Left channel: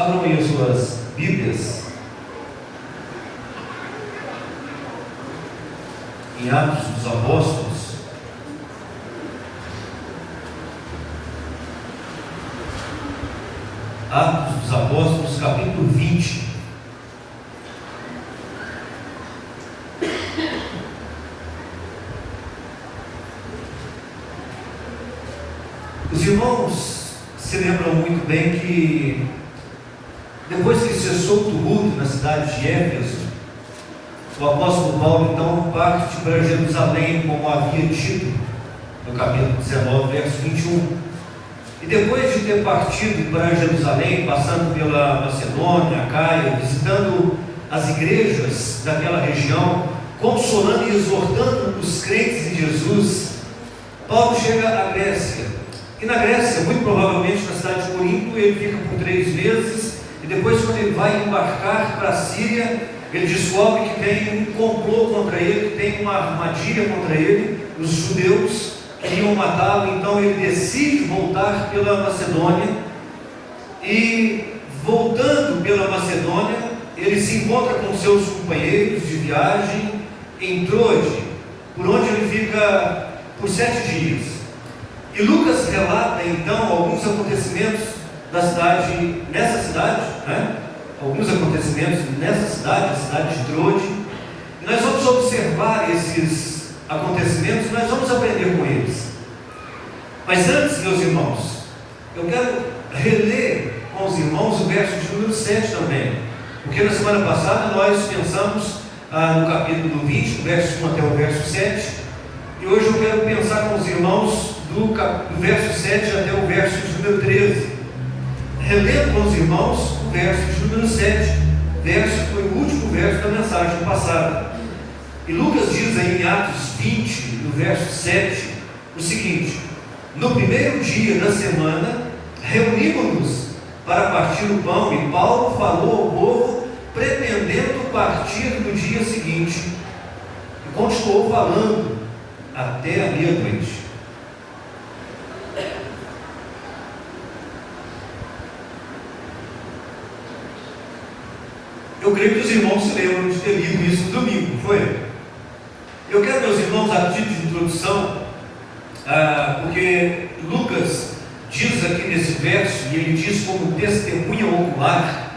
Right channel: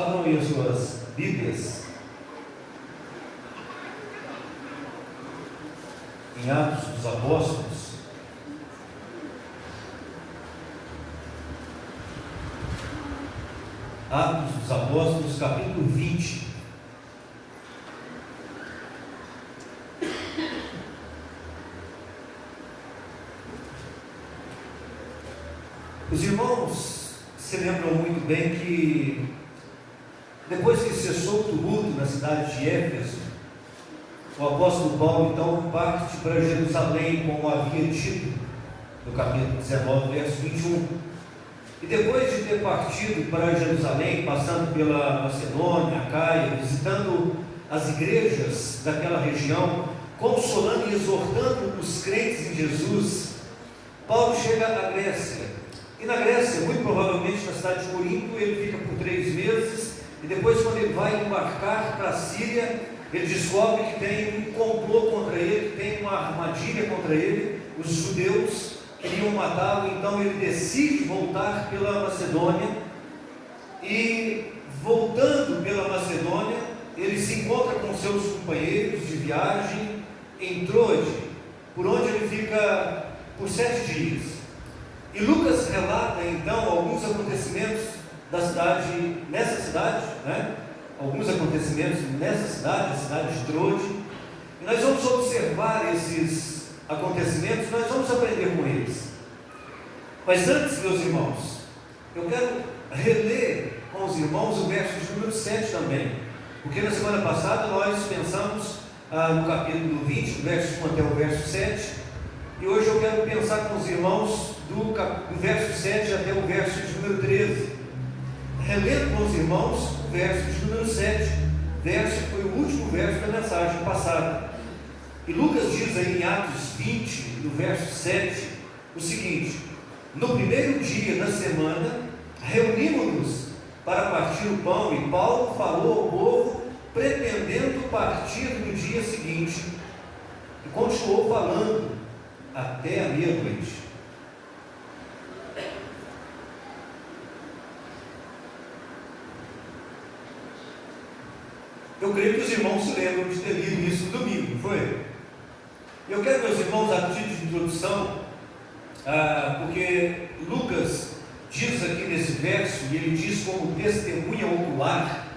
abram aí as suas Bíblias em Atos dos Apóstolos. Atos dos Apóstolos, capítulo 20. Os irmãos se lembram muito bem que depois que cessou o tumulto na cidade de Éfeso, o apóstolo Paulo então parte para Jerusalém, como havia dito no capítulo 19, verso 21. E depois de ter partido para Jerusalém, passando pela Macedônia, Acaia, visitando as igrejas daquela região, consolando e exortando os crentes em Jesus, Paulo chega à Grécia. E na Grécia, muito provavelmente na cidade de Corinto, ele fica por 3 meses, e depois, quando ele vai embarcar para a Síria, ele descobre que tem um complô contra ele, que tem uma armadilha contra ele. Os judeus queriam matá-lo, então ele decide voltar pela Macedônia, e voltando pela Macedônia, ele se encontra com seus companheiros de viagem em Troade, por onde ele fica por 7 dias. E Lucas relata então alguns acontecimentos da cidade, nessa cidade, alguns acontecimentos nessa cidade, a cidade de Troade. E nós vamos observar esses acontecimentos, nós vamos aprender com eles. Mas antes, meus irmãos, eu quero reler com os irmãos o verso de número 7 também, porque na semana passada nós pensamos no capítulo 20, do verso 1 até o verso 7, e hoje eu quero pensar com os irmãos do verso 7 até o verso de número 13. Relendo com os irmãos o verso de número 7, verso que foi o último verso da mensagem passada. E Lucas diz aí em Atos 20, no verso 7, o seguinte: no primeiro dia da semana, reunimos-nos para partir o pão, e Paulo falou ao povo, pretendendo partir no dia seguinte, e continuou falando até a meia-noite. Eu creio que os irmãos se lembram de ter lido isso no domingo, não foi? Eu quero, meus irmãos, a título de introdução, porque Lucas diz aqui nesse verso, e ele diz como testemunha ocular,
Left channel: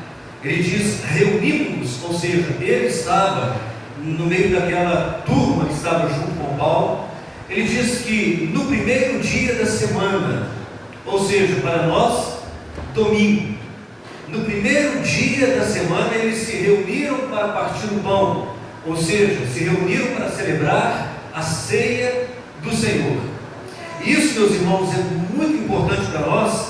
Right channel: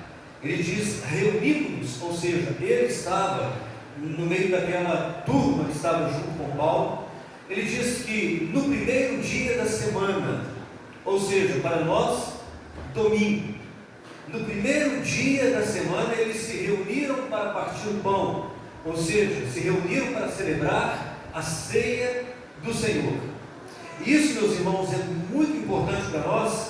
ele diz reunimos-nos, ou seja, ele estava no meio daquela turma que estava junto com Paulo. Ele diz que no primeiro dia da semana, ou seja, para nós, domingo, no primeiro dia da semana, eles se reuniram para partir o pão, ou seja, se reuniram para celebrar a ceia do Senhor. Isso, meus irmãos, é muito importante para nós,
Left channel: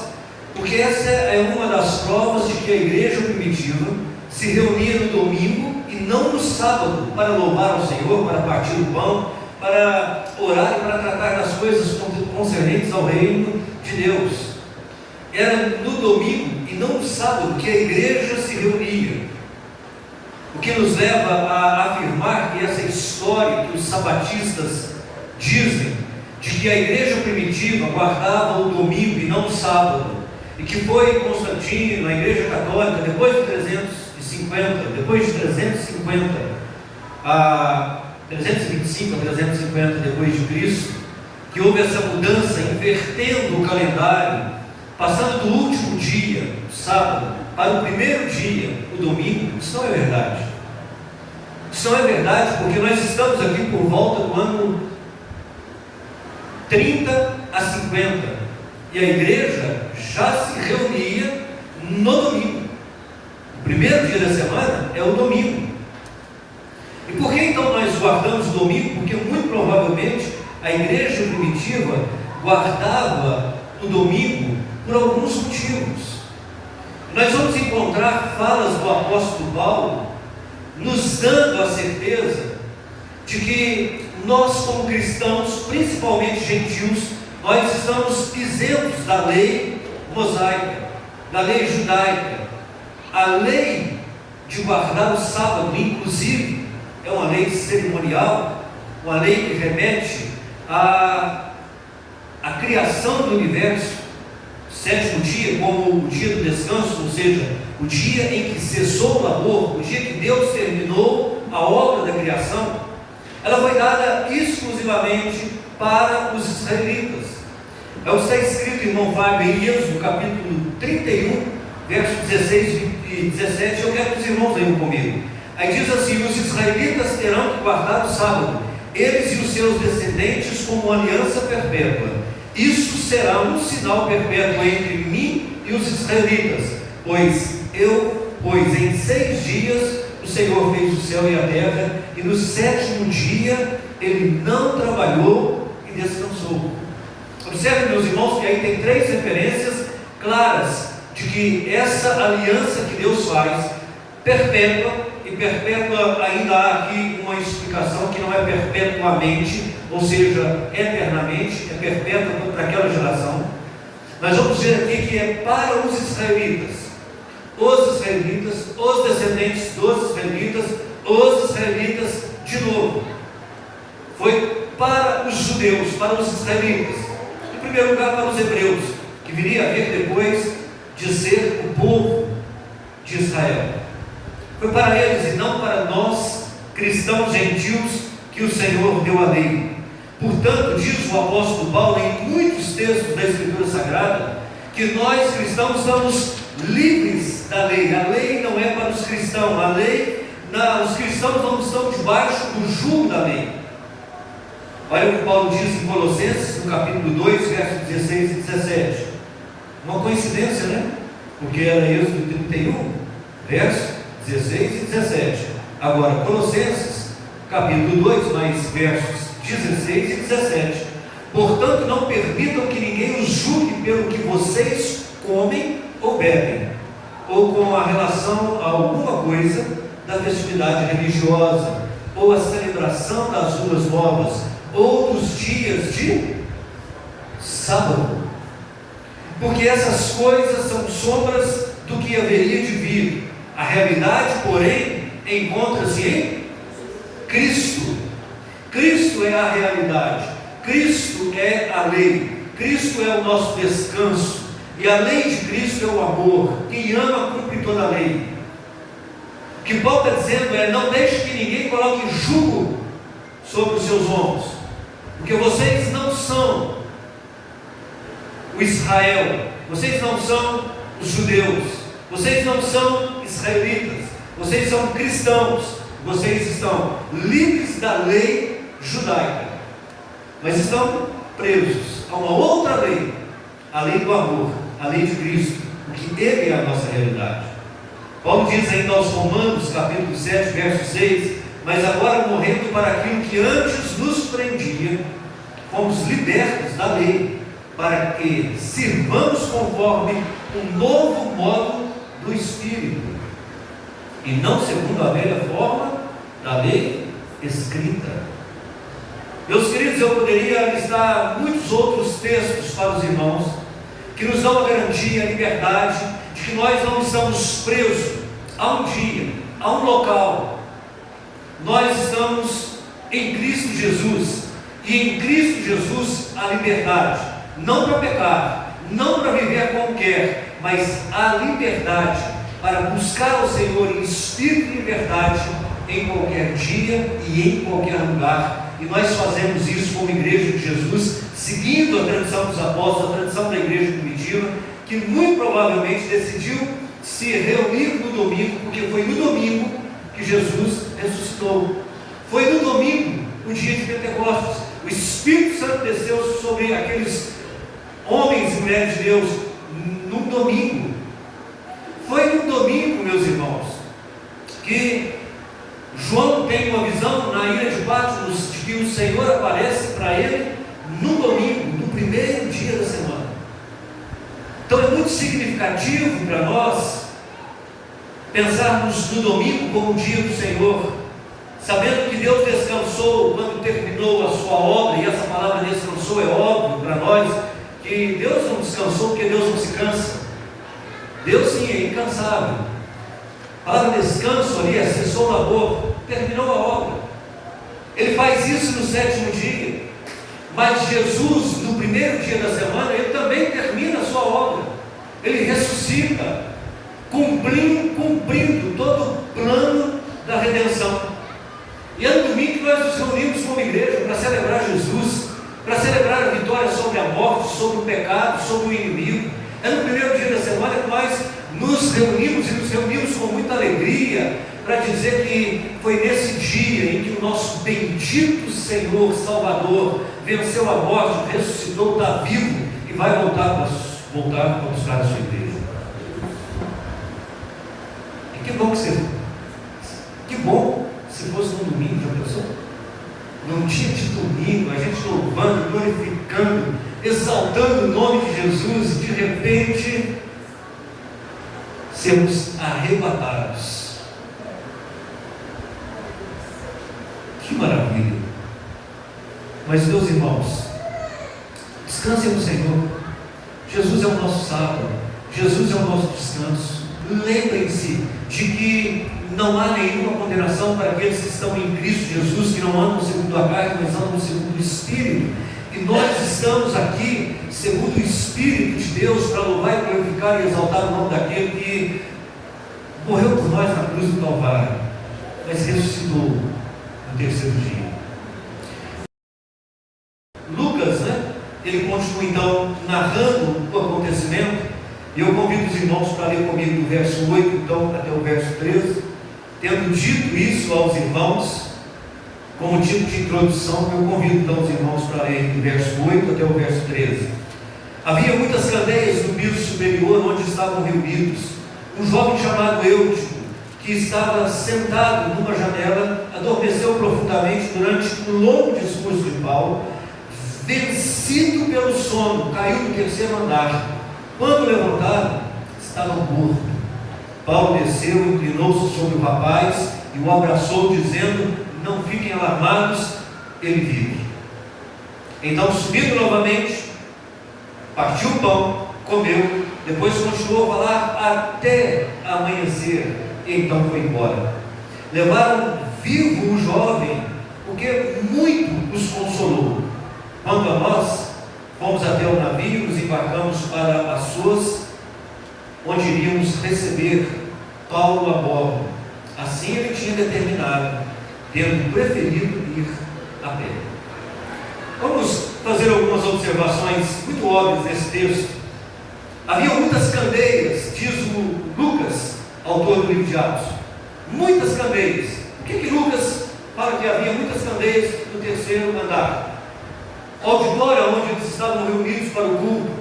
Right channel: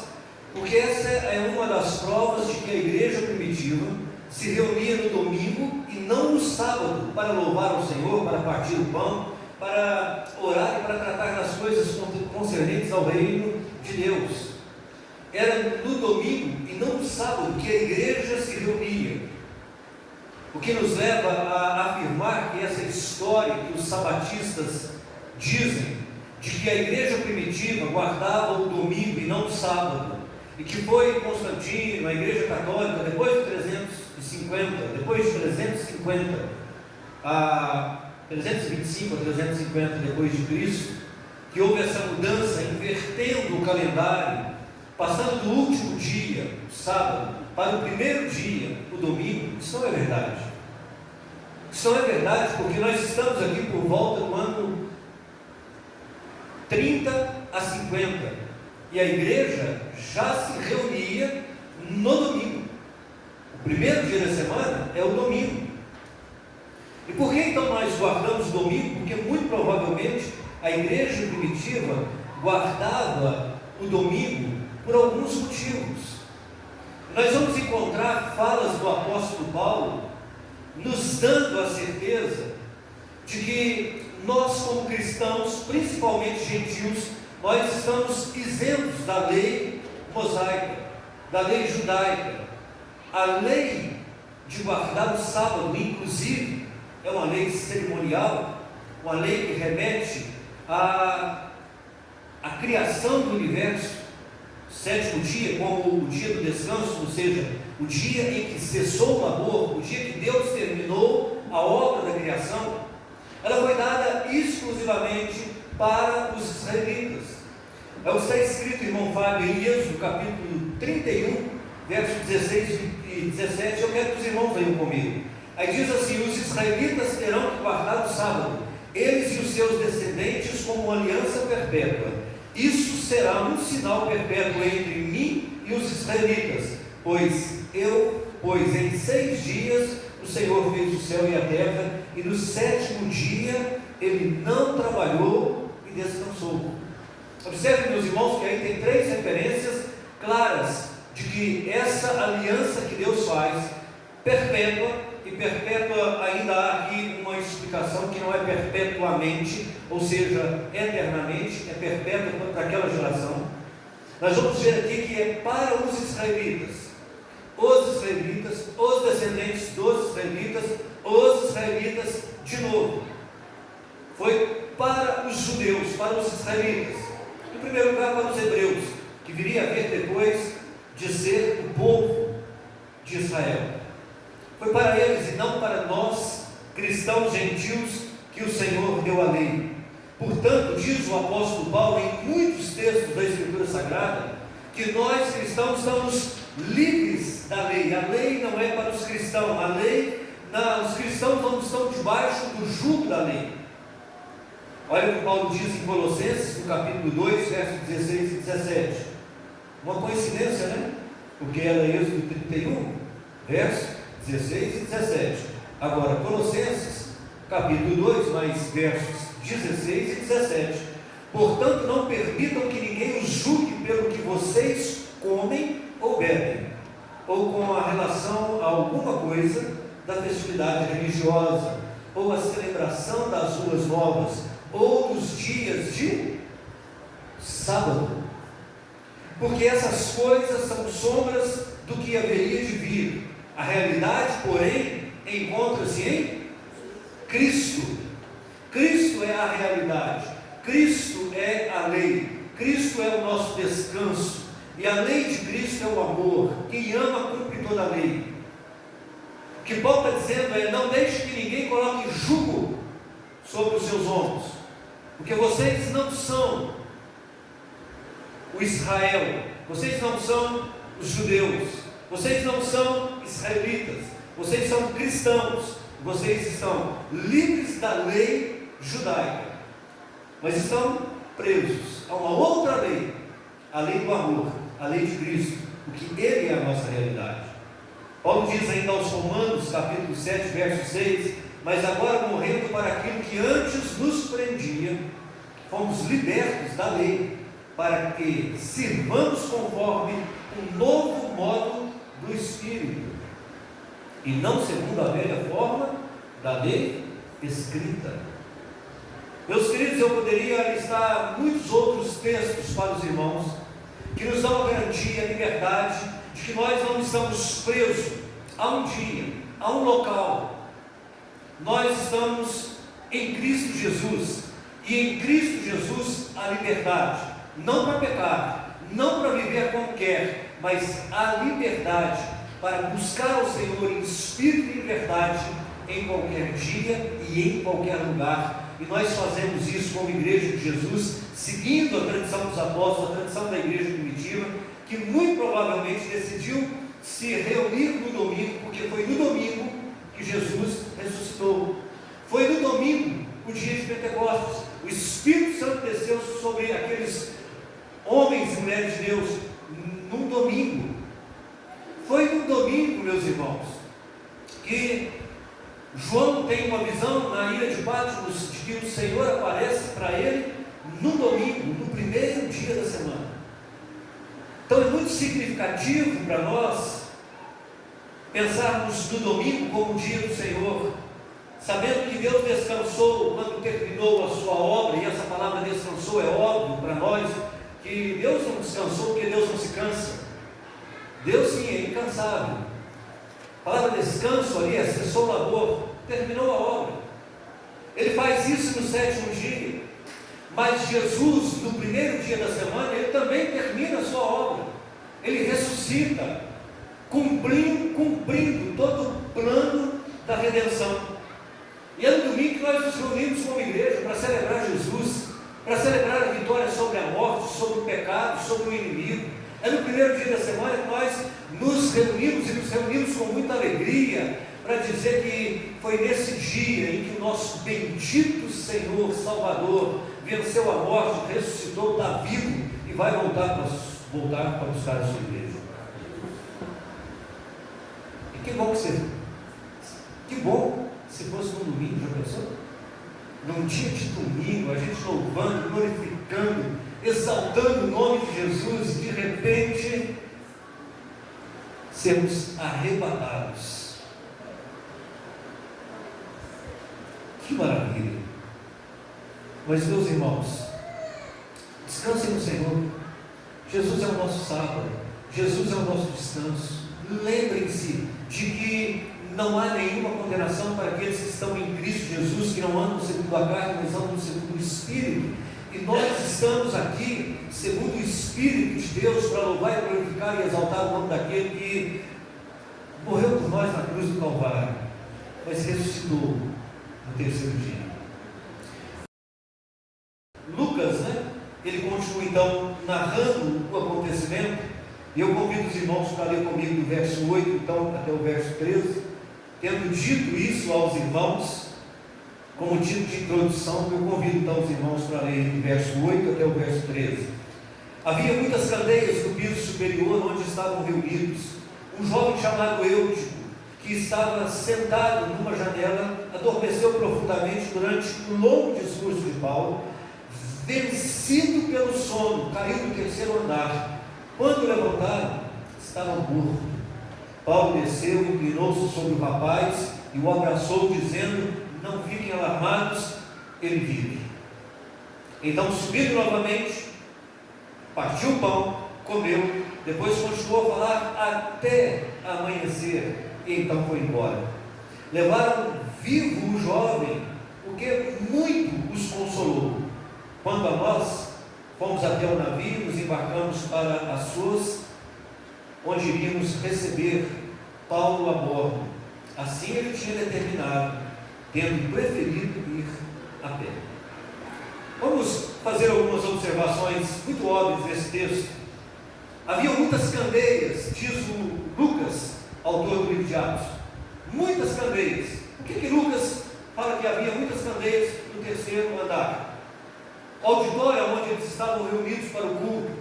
porque essa é uma das provas de que a igreja primitiva se reunia no domingo e não no sábado, para louvar ao Senhor, para partir o pão, para orar e para tratar das coisas concernentes ao reino de Deus. Era no domingo e não no sábado que a igreja se reunia, o que nos leva a afirmar que essa história que os sabatistas dizem, de que a igreja primitiva guardava o domingo e não o sábado, e que foi Constantino, a igreja católica, depois de 325 a 350 depois de Cristo, que houve essa mudança, invertendo o calendário, passando do último dia, o sábado, para o primeiro dia, o domingo. Isso não é verdade. Isso não é verdade, porque nós estamos aqui por volta do ano 30 a 50, e a igreja já se reunia no domingo. O primeiro dia da semana é o domingo. E por que então nós guardamos o domingo? Porque muito provavelmente a igreja primitiva guardava o domingo por alguns motivos. Nós vamos encontrar falas do apóstolo Paulo nos dando a certeza de que nós, como cristãos, principalmente gentios, nós estamos isentos da lei mosaica, da lei judaica. A lei de guardar o sábado, inclusive, é uma lei cerimonial, uma lei que remete à criação do universo. sétimo dia como o dia do descanso, ou seja, o dia em que cessou o labor, o dia que Deus terminou a obra da criação, ela foi dada exclusivamente para os israelitas. É o que está escrito, irmão Fábio, em Êxodo, capítulo 31, versos 16 e 17. Eu quero que os irmãos leiam comigo. Aí diz assim: os israelitas terão que guardar o sábado, eles e os seus descendentes, como aliança perpétua. Isso será um sinal perpétuo entre mim e os israelitas, pois em 6 dias o Senhor fez o céu e a terra, e no 7º dia ele não trabalhou e descansou. Observe, meus irmãos, que aí tem 3 referências claras de que essa aliança que Deus faz, perpétua, e perpétua ainda há aqui uma explicação que não é perpetuamente, ou seja, eternamente, é perpétua para aquela geração. Nós vamos ver aqui que é para os israelitas, os descendentes dos israelitas de novo. Foi para os judeus, para os israelitas, em primeiro lugar para os hebreus, que viria a vir depois de ser o povo de Israel. Foi para eles e não para nós, cristãos gentios, que o Senhor deu a lei. Portanto, diz o apóstolo Paulo em muitos textos da Escritura Sagrada, que nós cristãos estamos livres da lei. A lei não é para os cristãos, os cristãos não estão debaixo do jugo da lei. Olha o que Paulo diz em Colossenses, no capítulo 2, versos 16 e 17. Uma coincidência, né? Porque era Êxodo 31, versos 16 e 17. Agora, Colossenses, capítulo 2, mais versos 16 e 17. Portanto, não permitam que ninguém os julgue pelo que vocês comem ou bebem, ou com a relação a alguma coisa da festividade religiosa, ou a celebração das luas novas, ou dos dias de sábado, porque essas coisas são sombras do que haveria de vir. A realidade, porém, encontra-se em Cristo. Cristo é a realidade, Cristo é a lei, Cristo é o nosso descanso, e a lei de Cristo é o amor. Quem ama cumpre toda a lei. O que Paulo está dizendo é: não deixe que ninguém coloque jugo sobre os seus ombros, porque vocês não são o Israel, vocês não são os judeus, vocês não são israelitas, vocês são cristãos, vocês estão livres da lei judaica, mas estão presos a uma outra lei, a lei do amor, a lei de Cristo, porque Ele é a nossa realidade. Paulo diz ainda aos Romanos, capítulo 7, verso 6: mas agora, morrendo para aquilo que antes nos prendia, fomos libertos da lei, para que sirvamos conforme o novo modo do Espírito, e não segundo a velha forma da lei escrita. Meus queridos, eu poderia listar muitos outros textos para os irmãos, que nos dão a garantia, a liberdade, de que nós não estamos presos a um dia, a um local. Nós estamos em Cristo Jesus, e em Cristo Jesus a liberdade, não para pecar, não para viver como quer, mas a liberdade para buscar o Senhor em espírito e verdade, em qualquer dia e em qualquer lugar. E nós fazemos isso como Igreja de Jesus, seguindo a tradição dos apóstolos, a tradição da igreja primitiva, que muito provavelmente decidiu se reunir no domingo, porque foi no domingo que Jesus ressuscitou. Foi no domingo, o dia de Pentecostes. O Espírito Santo desceu sobre aqueles homens e mulheres de Deus num domingo. Foi no domingo, meus irmãos, que João tem uma visão na ilha de Patmos de que o Senhor aparece para ele no domingo, no primeiro dia da semana. Então é muito significativo para nós pensarmos no domingo como o dia do Senhor, sabendo que Deus descansou quando terminou a sua obra, e essa palavra descansou é óbvio para nós, que Deus não descansou porque Deus não se cansa. Deus sim é incansável. A palavra descanso ali é cessou o labor, terminou a obra. Ele faz isso no 7º dia, mas Jesus, no primeiro dia da semana, ele também termina a sua obra. Ele ressuscita, cumprindo todo o plano da redenção. E é no domingo que nós nos reunimos como igreja para celebrar Jesus, para celebrar a vitória sobre a morte, sobre o pecado, sobre o inimigo. É no primeiro dia da semana que nós nos reunimos e nos reunimos com muita alegria para dizer que foi nesse dia em que o nosso bendito Senhor Salvador venceu a morte, ressuscitou, está vivo e vai voltar para buscar a sua igreja. E que bom se fosse no domingo, já pensou? Num dia de domingo, a gente louvando, glorificando, exaltando o nome de Jesus, e de repente sermos arrebatados. Que maravilha! Mas, meus irmãos, descansem no Senhor. Jesus é o nosso sábado, Jesus é o nosso descanso. Lembrem-se de que não há nenhuma condenação para aqueles que estão em Cristo Jesus, que não andam segundo a carne, mas andam segundo o Espírito. E nós estamos aqui segundo o Espírito de Deus para louvar e glorificar e exaltar o nome daquele que morreu por nós na cruz do Calvário, mas ressuscitou no terceiro dia. Lucas, ele continua então narrando o acontecimento, e eu convido os irmãos para ler comigo do verso 8 então até o verso 13. Tendo dito isso aos irmãos, como título de introdução, eu convido então os irmãos para ler do verso 8 até o verso 13. Havia muitas candeias no piso superior onde estavam reunidos. Um jovem chamado Eutico, que estava sentado numa janela, adormeceu profundamente durante um longo discurso de Paulo. Vencido pelo sono, caiu do terceiro andar. Quando levantaram, estava morto. Paulo desceu, inclinou-se sobre o rapaz e o abraçou, dizendo: não fiquem alarmados, ele vive. Então, subindo novamente, partiu o pão, comeu, depois continuou a falar até amanhecer, e então foi embora. Levaram vivo o jovem, porque muito os consolou. Quanto a nós, fomos até o navio, nos embarcamos para Assos, onde iríamos receber Paulo a bordo. Assim ele tinha determinado, tendo preferido ir a pé. Vamos fazer algumas observações muito óbvias nesse texto. Havia muitas candeias, diz o Lucas, autor do livro de Atos. Muitas candeias. Por que Lucas fala que havia muitas candeias no terceiro andar? O auditório onde eles estavam reunidos para o culto,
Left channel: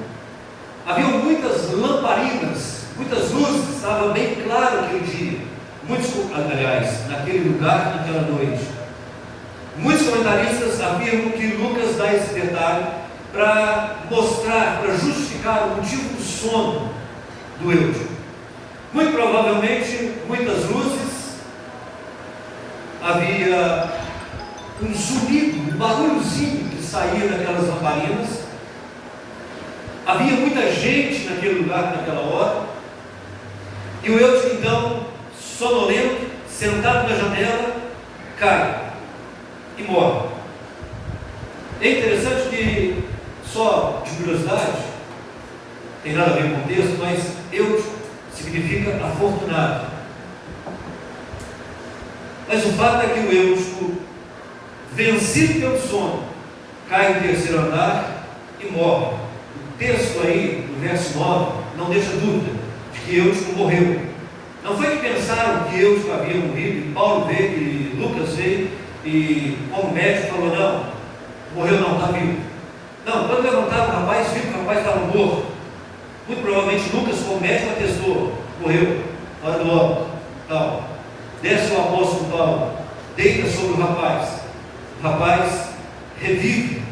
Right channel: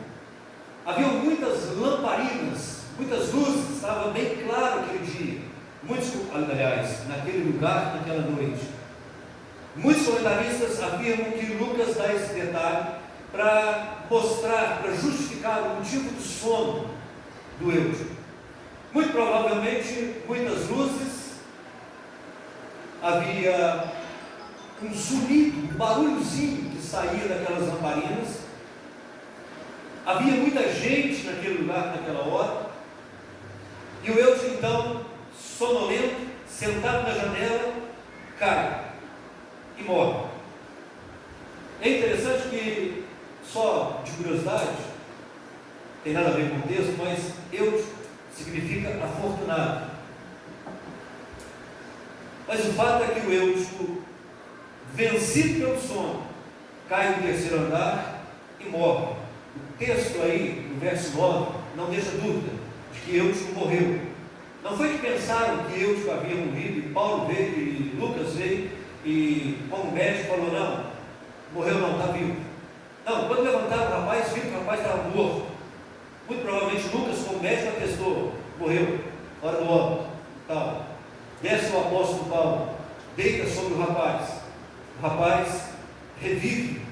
havia muitas lamparinas, muitas luzes, estava bem claro aquele dia. Aliás, naquele lugar, naquela noite. Muitos comentaristas afirmam que Lucas dá esse detalhe para mostrar, para justificar o motivo do sono do Eutico. Muito provavelmente, muitas luzes, havia um zumbido, um barulhozinho que saía daquelas lamparinas. Havia muita gente naquele lugar, naquela hora. E o Eutico, então, sonolento, sentado na janela, cai e morre. É interessante que, só de curiosidade, tem nada a ver com o texto, mas Eutico significa afortunado. Mas o fato é que o Eutico, vencido pelo sono, cai no terceiro andar e morre. O texto aí, no verso 9, não deixa dúvida de que Eutico morreu. Não foi que pensaram que Eutico havia morrido, e Paulo veio, e Lucas veio, e como médico falou: não, morreu não, está vivo. Não, quando levantaram o rapaz, viu que o rapaz estava morto. Muito provavelmente Lucas, como médico, atestou: morreu, hora do óbito, tal. Desce o apóstolo Paulo, deita sobre o rapaz revive.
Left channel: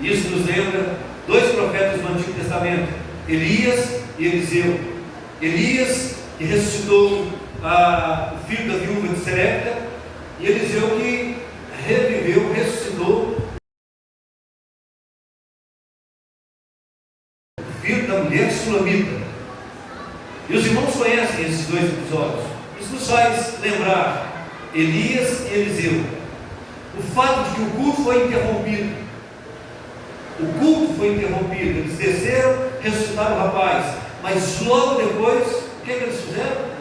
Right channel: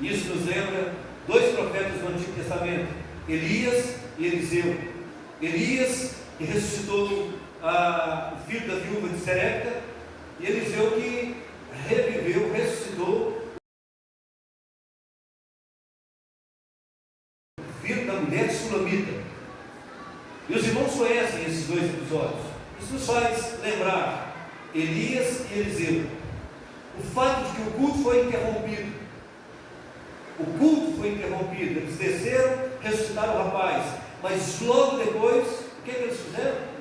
Isso nos lembra dois profetas do Antigo Testamento, Elias e Eliseu. Elias, que ressuscitou o filho da viúva de Serepta, e Eliseu, que reviveu, ressuscitou o filho da mulher sulamita. E os irmãos conhecem esses dois episódios. Isso nos faz lembrar Elias e Eliseu. O fato de que o culto foi interrompido. O culto foi interrompido. Eles desceram, ressuscitaram o rapaz. Mas logo depois, o que eles fizeram?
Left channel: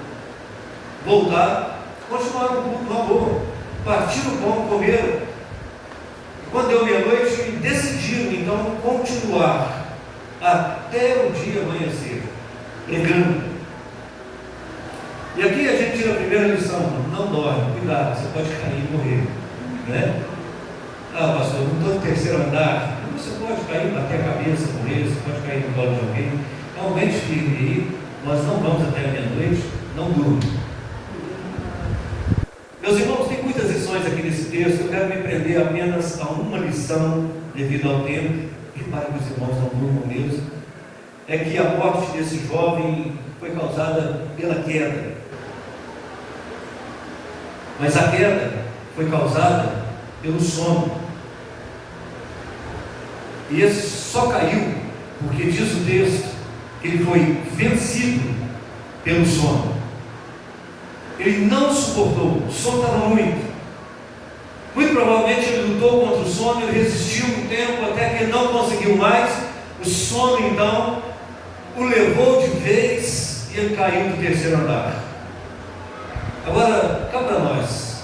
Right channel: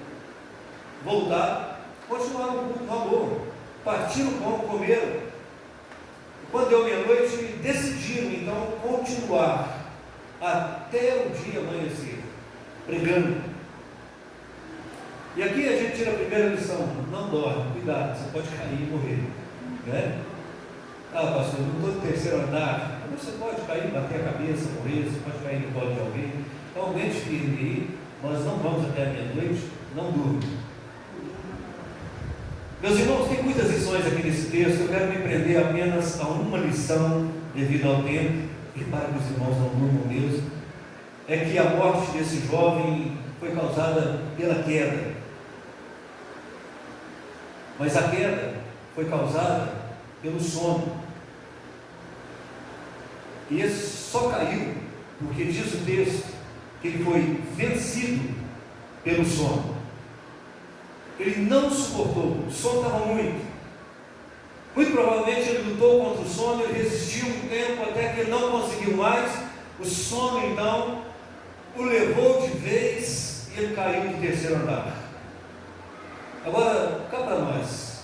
Voltaram, continuaram o culto na boa, partiram o pão, comeram. E quando deu meia-noite, decidiram então continuar até o dia amanhecer, pregando. E aqui a gente tira a primeira lição: não dorme, cuidado, você pode cair e morrer, né? Ah, pastor, não estou no terceiro andar. Você pode cair, bater a cabeça, morrer, você pode cair no colo de alguém. Então, aumente firme aí, nós não vamos até a meia-noite, não durma. Meus irmãos, tem muitas lições aqui nesse texto, eu quero me prender apenas a uma lição, devido ao tempo, que para que os irmãos não durmam mesmo, é que a morte desse jovem foi causada pela queda. Mas a queda foi causada pelo sono. E esse só caiu porque diz o texto que ele foi vencido pelo sono. Ele não suportou, o sono estava muito. Muito provavelmente ele lutou contra o sono, ele resistiu um tempo até que ele não conseguiu mais. O sono então o levou de vez e ele caiu do terceiro andar. Agora, cá para nós,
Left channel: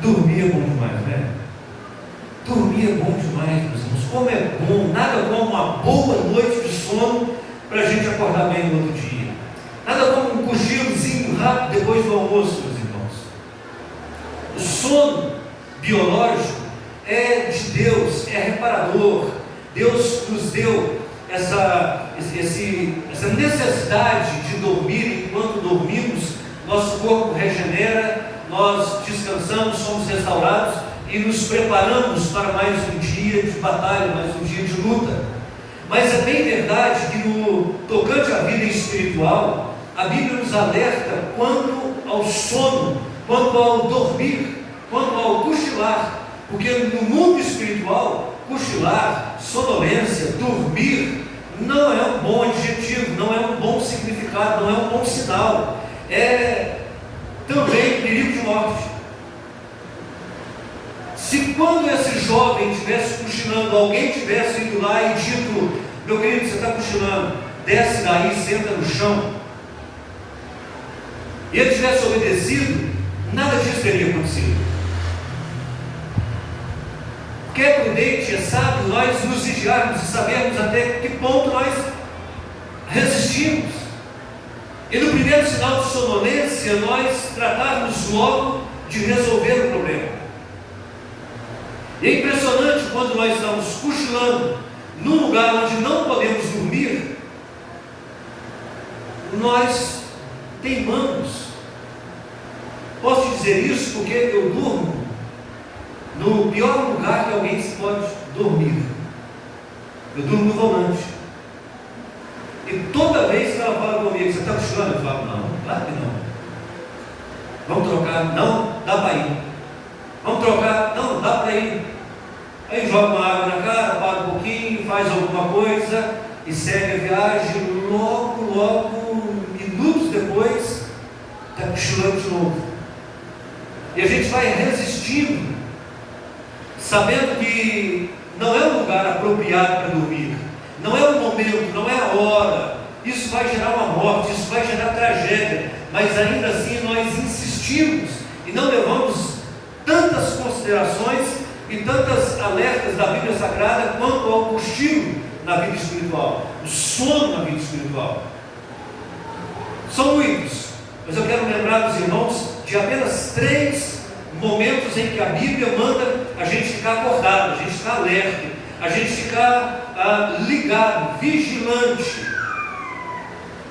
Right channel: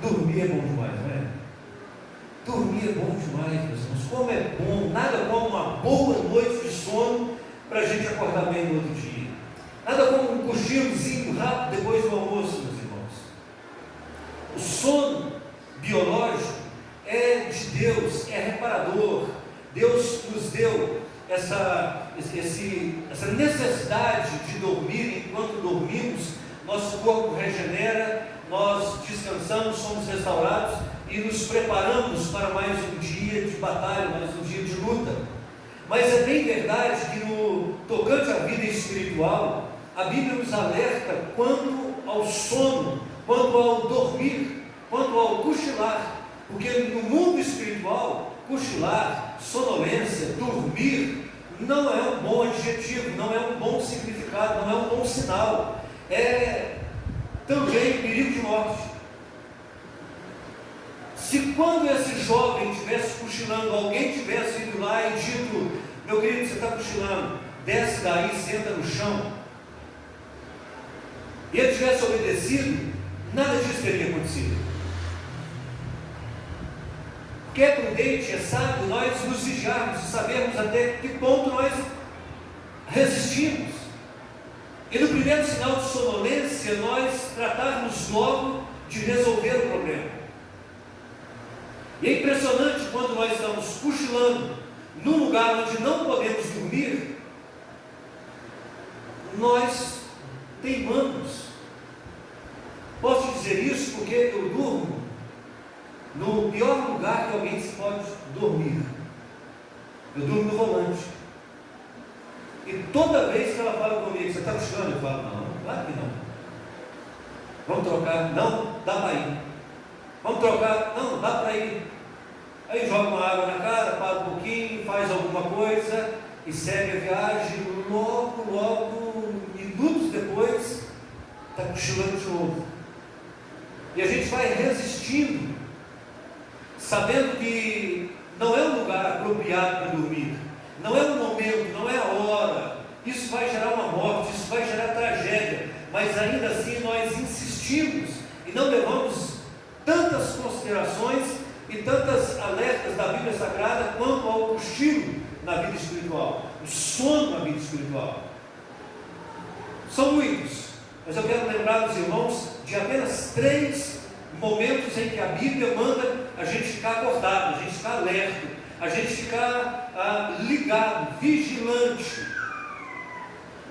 dormir é bom demais, né? Dormir é bom demais, meus irmãos. Como é bom, nada como uma boa noite de sono para a gente acordar bem no outro dia. Nada como um cochilozinho rápido depois do almoço, meus irmãos. O sono biológico é de Deus, é reparador. Deus nos deu essa necessidade de dormir. Enquanto dormimos, nosso corpo regenera, nós descansamos, somos restaurados e nos preparamos para mais um dia de batalha, mais um dia de luta. Mas é bem verdade que no tocante à vida espiritual, a Bíblia nos alerta quanto ao sono, quanto ao dormir, quanto ao cochilar, porque no mundo espiritual, cochilar, sonolência, dormir, não é um bom adjetivo, não é um bom significado, não é um bom sinal, é também perigo de morte. Se quando esse jovem estivesse cochilando, alguém tivesse ido lá e dito: meu querido, você está cochilando, desce daí, senta no chão, e ele tivesse obedecido, nada disso teria acontecido. Porque é prudente, é sábio nós nos vigiarmos e sabermos até que ponto nós resistimos. E no primeiro sinal de sonolência, nós tratarmos logo de resolver o problema. E é impressionante quando nós estamos cochilando num lugar onde não podemos dormir, nós teimamos. Posso dizer isso porque eu durmo no pior lugar que alguém se pode dormir. Eu durmo no volante. E toda vez que ela fala comigo: você está cochilando? Eu falo: não, claro que não. Vamos trocar? Não, dá para ir. Vamos trocar? Não, dá para ir. Aí joga uma água na cara, para um pouquinho, faz alguma coisa e segue a viagem. Logo, minutos depois, está cochilando de novo. E a gente vai resistindo, sabendo que não é um lugar apropriado para dormir, não é o momento, não é a hora. Isso vai gerar uma morte, isso vai gerar tragédia, mas ainda assim nós insistimos e não levamos tantas considerações e tantas alertas da Bíblia Sagrada quanto ao cochilo na vida espiritual, o sono na vida espiritual. São muitos, mas eu quero lembrar dos irmãos de apenas 3 momentos em que a Bíblia manda a gente ficar acordado, a gente ficar alerta, a gente ficar ligado, vigilante.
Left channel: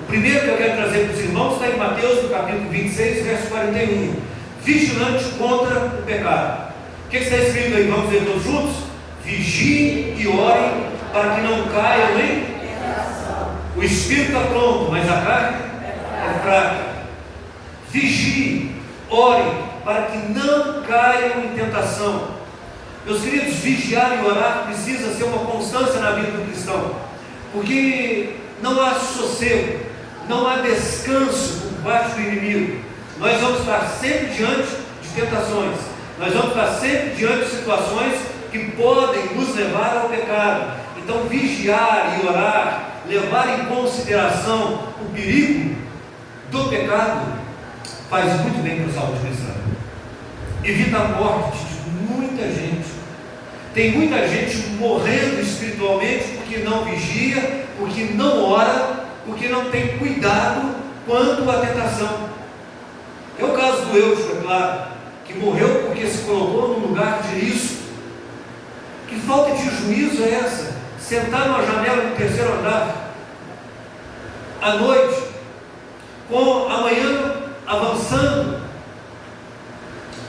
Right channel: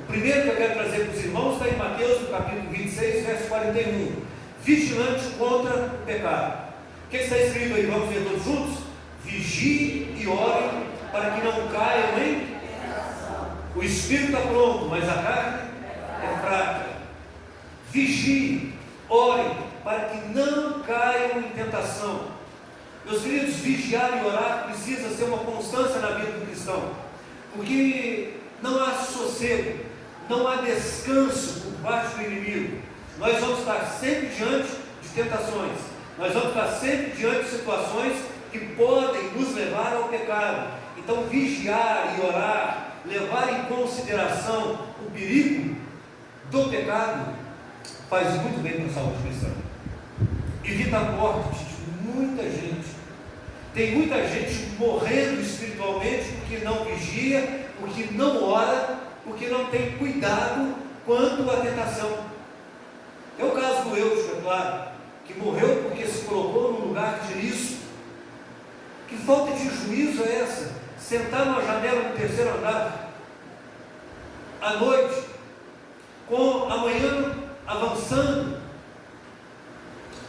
O primeiro que eu quero trazer para os irmãos está em Mateus, no capítulo 26, verso 41. Vigilante contra o pecado. O que está escrito aí? Vamos ler todos juntos? Vigiem e orem para que não caiam em tentação. O espírito está pronto, mas a carne é fraca. Vigiem, orem para que não caiam em tentação. Meus queridos, vigiar e orar precisa ser uma constância na vida do cristão, porque não há sossego, não há descanso por parte do inimigo. Nós vamos estar sempre diante de tentações, nós vamos estar sempre diante de situações que podem nos levar ao pecado. Então vigiar e orar levar em consideração o perigo do pecado, faz muito bem para a saúde cristã. Evita a morte de muita gente. Tem muita gente morrendo espiritualmente porque não vigia, porque não ora, porque não tem cuidado quanto à tentação. É o caso do Eusco, é claro, que morreu porque se colocou num lugar de risco. Que falta de juízo é essa? Sentar numa janela no terceiro andar, à noite, com a manhã avançando.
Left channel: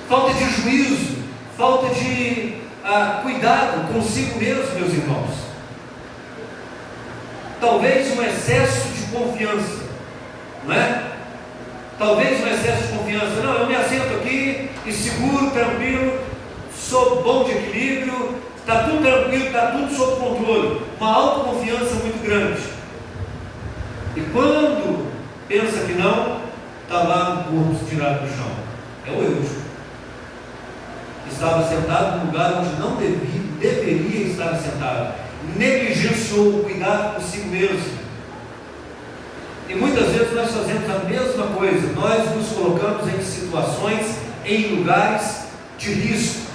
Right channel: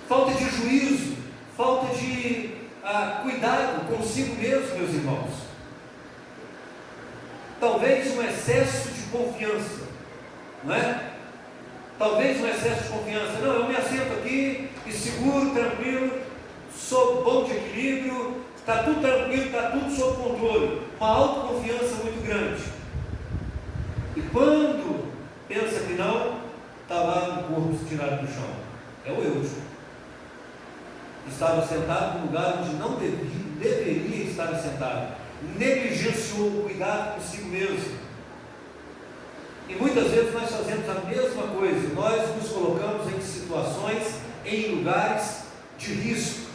Falta de juízo, falta de cuidado consigo mesmo, meus irmãos. Talvez um excesso de confiança, não é? Talvez um excesso de confiança. Não, eu me assento aqui e seguro, tranquilo, sou bom de equilíbrio, está tudo tranquilo, está tudo sob controle. Uma autoconfiança muito grande. E quando pensa que não, está lá no corpo tirado do chão. É o Eusco. Estava sentado num lugar onde não deveria estar sentado. Negligenciou o cuidado consigo mesmo. E muitas vezes nós fazemos a mesma coisa. Nós nos colocamos em situações, em lugares de risco.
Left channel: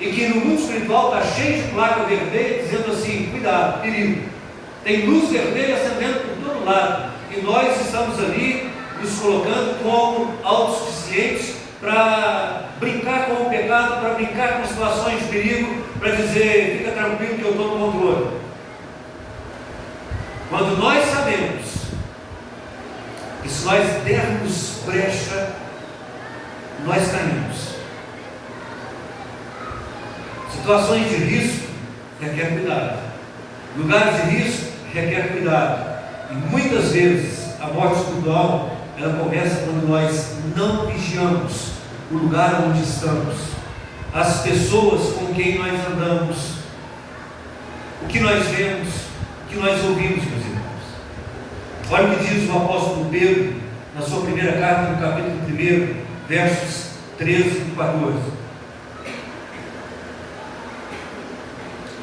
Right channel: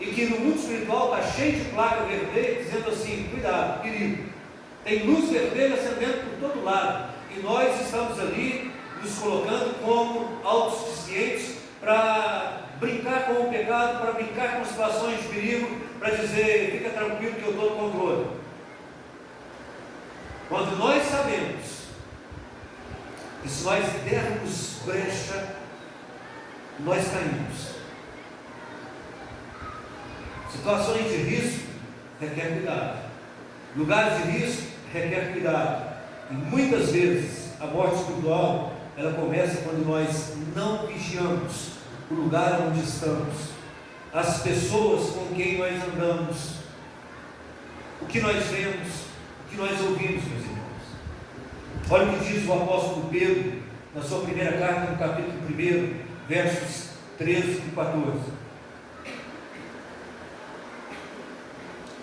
E que no mundo espiritual está cheio de placa vermelha dizendo assim: cuidado, perigo. Tem luz vermelha acendendo por todo lado. E nós estamos ali nos colocando como autossuficientes para brincar com o pecado, para brincar com situações de perigo, para dizer: fica tranquilo que eu estou no controle. Quando nós sabemos que se nós dermos brecha, nós caímos. Situações de risco requer cuidado. Lugares de risco requer cuidado. E muitas vezes a morte espiritual, ela começa quando nós não vigiamos o lugar onde estamos, as pessoas com quem nós andamos, o que nós vemos, o que nós ouvimos, meus irmãos. Olha o que diz o apóstolo Pedro na sua primeira carta, no capítulo 1, versos 13 e 14.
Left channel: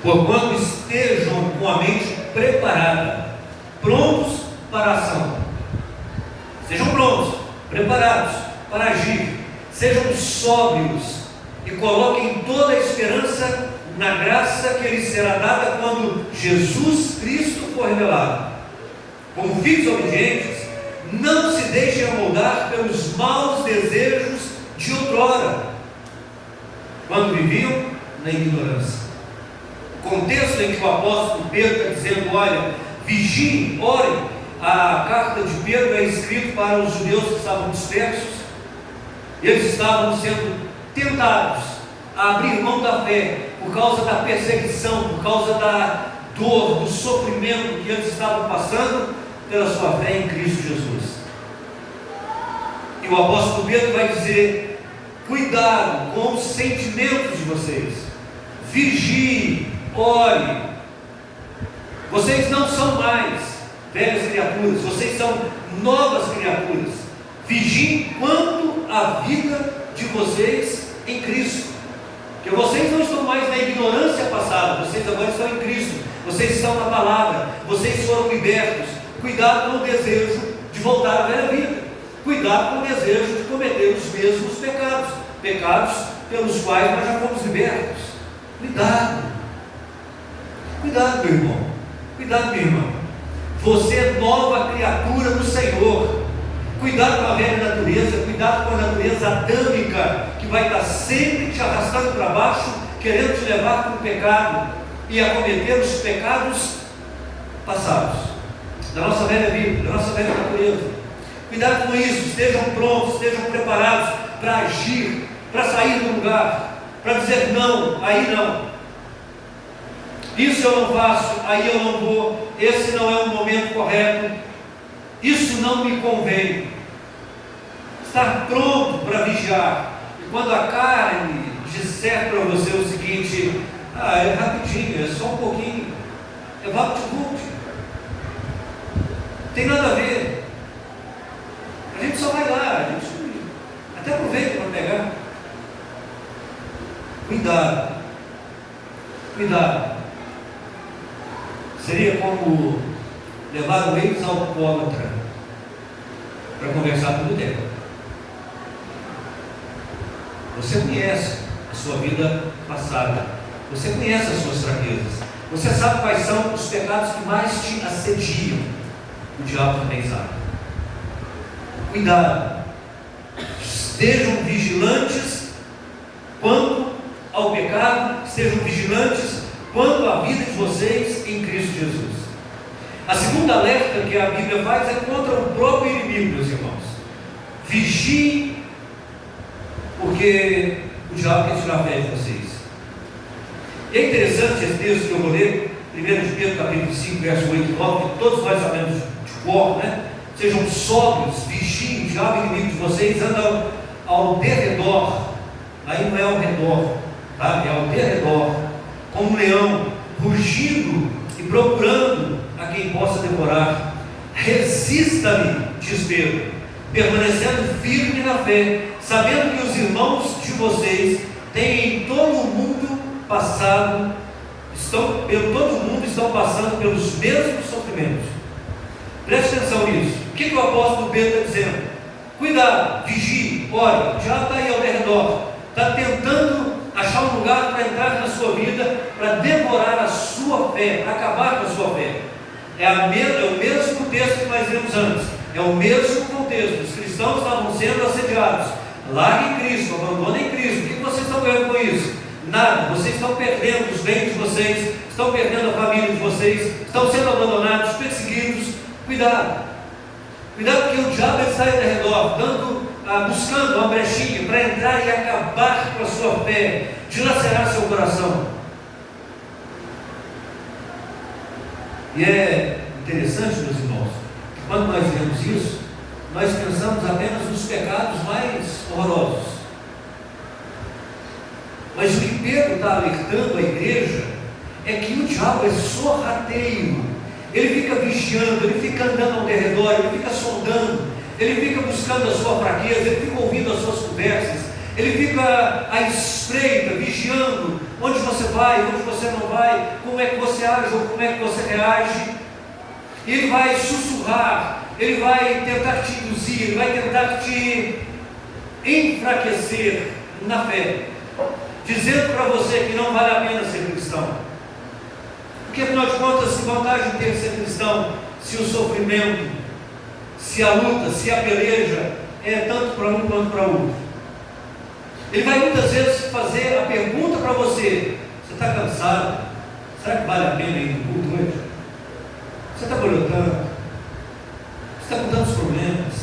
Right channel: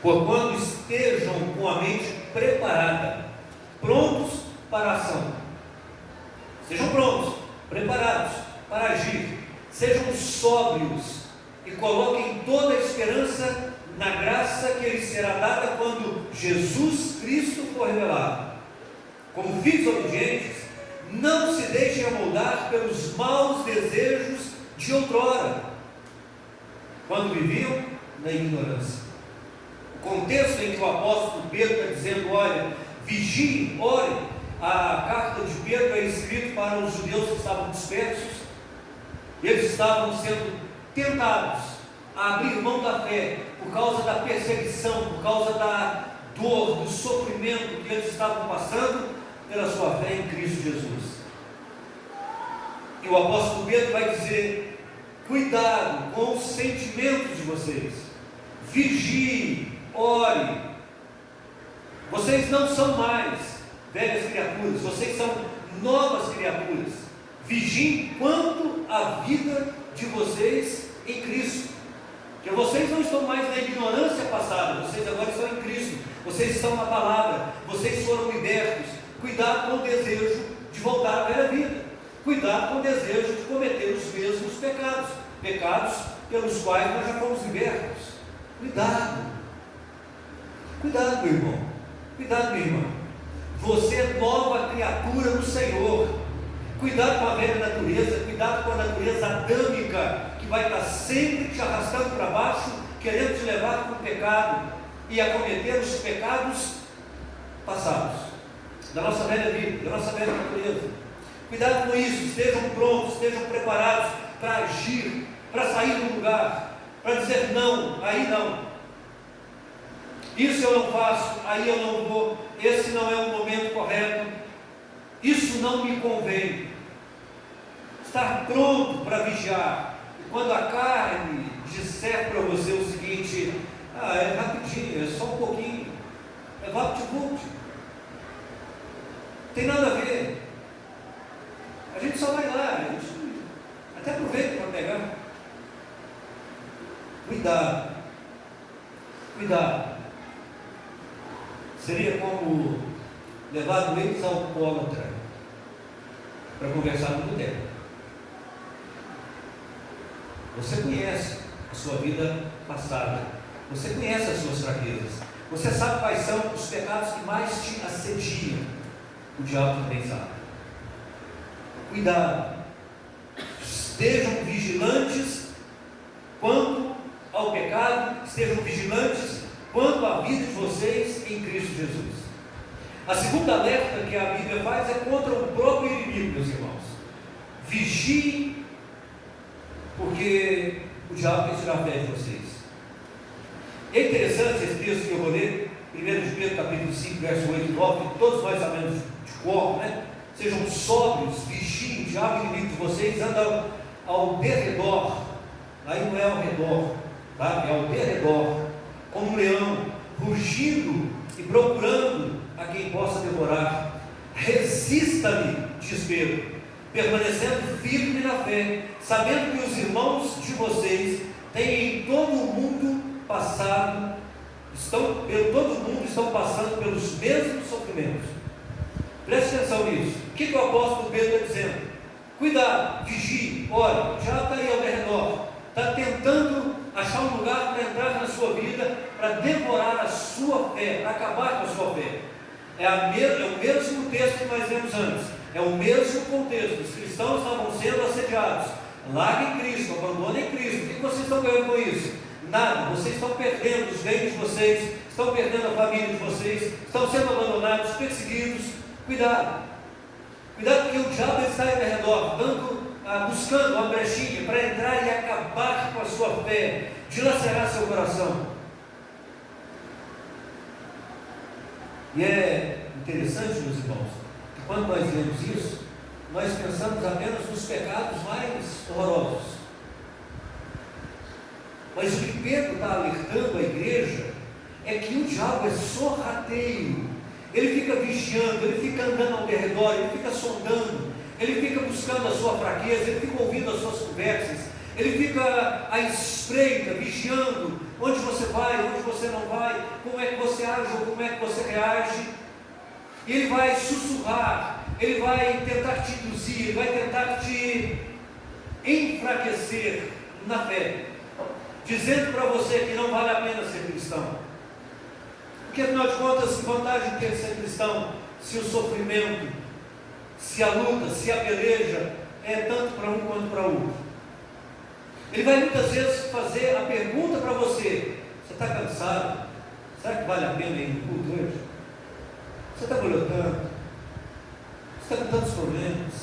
Porquanto estejam com a mente preparada, prontos para a ação. Sejam prontos, preparados para agir. Sejam sóbrios e coloquem toda a esperança na graça que lhes será dada quando Jesus Cristo for revelado. Como filhos obedientes, não se deixem amoldar pelos maus desejos de outrora, quando viviam na ignorância. O contexto em que o apóstolo Pedro está dizendo: olha, vigiem, orem. A carta de Pedro é escrita para os judeus que estavam dispersos. Eles estavam sendo tentados a abrir mão da fé por causa da perseguição, por causa da dor, do sofrimento que eles estavam passando pela sua fé em Cristo Jesus. E o apóstolo Pedro vai dizer: cuidado com os sentimentos de vocês, vigiem, orem. Vocês não são mais velhas criaturas, vocês são novas criaturas. Vigiem quanto à vida de vocês em Cristo, porque vocês não estão mais na ignorância passada, vocês agora estão em Cristo, vocês estão na palavra, vocês foram libertos. Cuidado com o desejo de voltar à velha vida, cuidado com o desejo de cometer os mesmos pecados pelos quais nós já fomos libertos. Cuidado, meu irmão, cuidado, minha irmã. Você é nova criatura do Senhor. Cuidado com a velha natureza, cuidado com a natureza adâmica, que vai estar sempre te arrastando para baixo, querendo te levar para o pecado e a cometer os pecados passados, da nossa velha vida, da nossa velha natureza. Cuidado com isso, estejam prontos, estejam preparados para agir, para sair do lugar, para dizer: não, aí não. Isso eu não faço, aí eu não vou, esse não é o momento correto, isso não me convém. Estar pronto para vigiar. E quando a carne disser para você o seguinte: é rapidinho, é só um pouquinho, é vapt-vupt, tem nada a ver, a gente só vai lá, a gente até aproveita para pegar. Cuidado. Seria como levaram eles ao alcoólatra para conversar com o boteco. Você conhece a sua vida passada, você conhece as suas fraquezas, você sabe quais são os pecados que mais te assediam. O diabo também sabe. Cuidado, estejam vigilantes quanto ao pecado, estejam vigilantes quanto à vida de vocês em Cristo Jesus. A segunda alerta que a Bíblia faz é contra o próprio inimigo, meus irmãos. Vigiem, porque o diabo quer tirar a fé de vocês. E é interessante esse texto que eu vou ler, 1 de Pedro capítulo 5, verso 8 e 9, que todos nós sabemos de cor, né? Sejam sóbrios, vigiem, o diabo inimigo de vocês anda ao derredor, aí não é ao redor, tá? É ao derredor, como um leão, rugindo e procurando a quem possa devorar. Resista-lhe, diz Pedro, permanecendo firme na fé, sabendo que os irmãos de vocês têm em todo o mundo passado, estão passando pelos mesmos sofrimentos. Preste atenção nisso. O que o apóstolo Pedro está dizendo? Cuidado, vigie, ore, já está aí ao redor, está tentando achar um lugar para entrar na sua vida, para devorar a sua fé, para acabar com a sua fé. É o mesmo texto que nós lemos antes, é o mesmo contexto. Os cristãos estavam sendo assediados. Larguem Cristo, abandonem Cristo. O que vocês estão ganhando com isso? Nada. Vocês estão perdendo os bens de vocês, estão perdendo a família de vocês, estão sendo abandonados, perseguidos. Cuidado, porque o diabo está aí ao redor, buscando uma brechinha para entrar e acabar com a sua fé, dilacerar seu coração. E é interessante, meus irmãos, que quando nós vemos isso, nós pensamos apenas nos pecados mais horrorosos. Mas o que Pedro está alertando a igreja é que o diabo é sorrateiro. Ele fica vigiando, ele fica andando ao redor, ele fica sondando, ele fica buscando a sua fraqueza, ele fica ouvindo as suas conversas, ele fica à espreita, vigiando onde você vai, onde você não vai, como é que você age ou como é que você reage. E ele vai sussurrar, ele vai tentar te induzir, ele vai tentar te enfraquecer na fé, dizendo para você que não vale a pena ser cristão. Porque afinal de contas, se vantagem ter ser cristão, se o sofrimento, se a luta, se a peleja é tanto para um quanto para outro. Ele vai muitas vezes fazer a pergunta para você: você está cansado? Será que vale a pena ir no culto hoje? Você está colhotando? Você está com tantos problemas?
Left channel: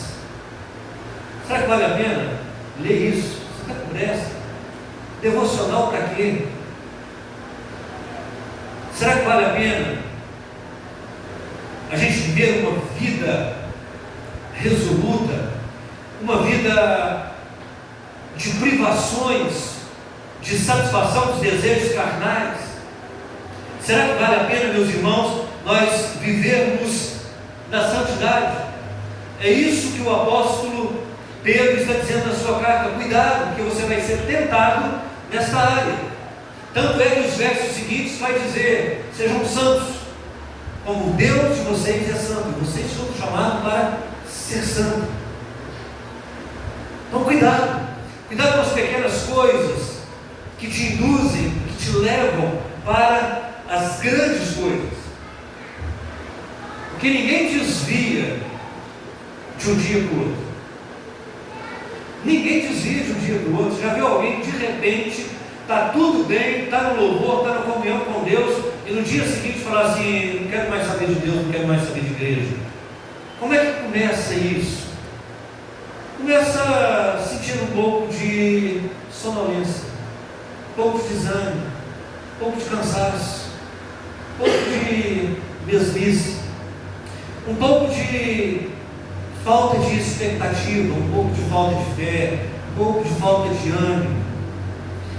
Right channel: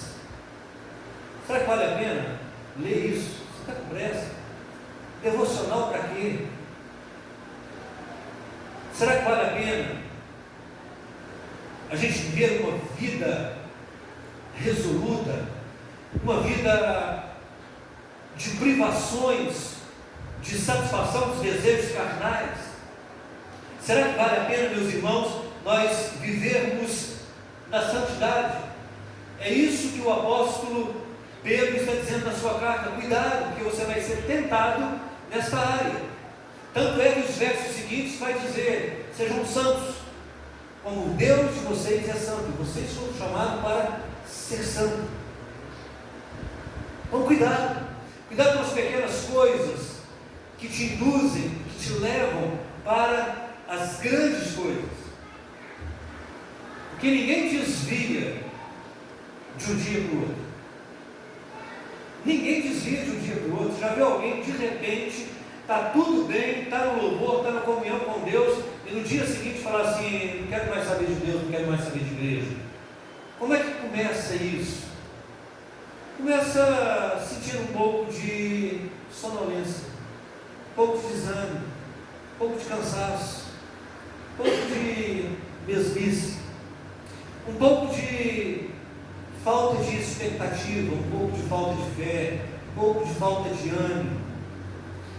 Será que vale a pena ler isso? Você está com pressa? Devocional para quê? Será que vale a pena a gente viver uma vida resoluta, uma vida de privações, de satisfação dos desejos carnais? Será que vale a pena, meus irmãos, nós vivermos na santidade? É isso que o apóstolo Pedro está dizendo na sua carta. Cuidado, porque você vai ser tentado nessa área. Tanto é que os versos seguintes vai dizer: sejam santos, como o Deus de vocês é santo. Vocês são chamados para ser santo. Então cuidado com as pequenas coisas que te induzem, que te levam para as grandes coisas. Porque ninguém desvia de um dia para o outro. Ninguém desvia de um dia para o outro. Já viu alguém de repente está tudo bem, está no louvor, está na comunhão com Deus, e no dia seguinte falar assim: não quero mais saber de Deus, não quero mais saber de igreja? Como é que começa isso? Começa sentindo um pouco de sonolência, um pouco de desânimo, um pouco de cansaço, um pouco de mesmice, um pouco de falta de expectativa, um pouco de falta de fé, um pouco de falta de ânimo.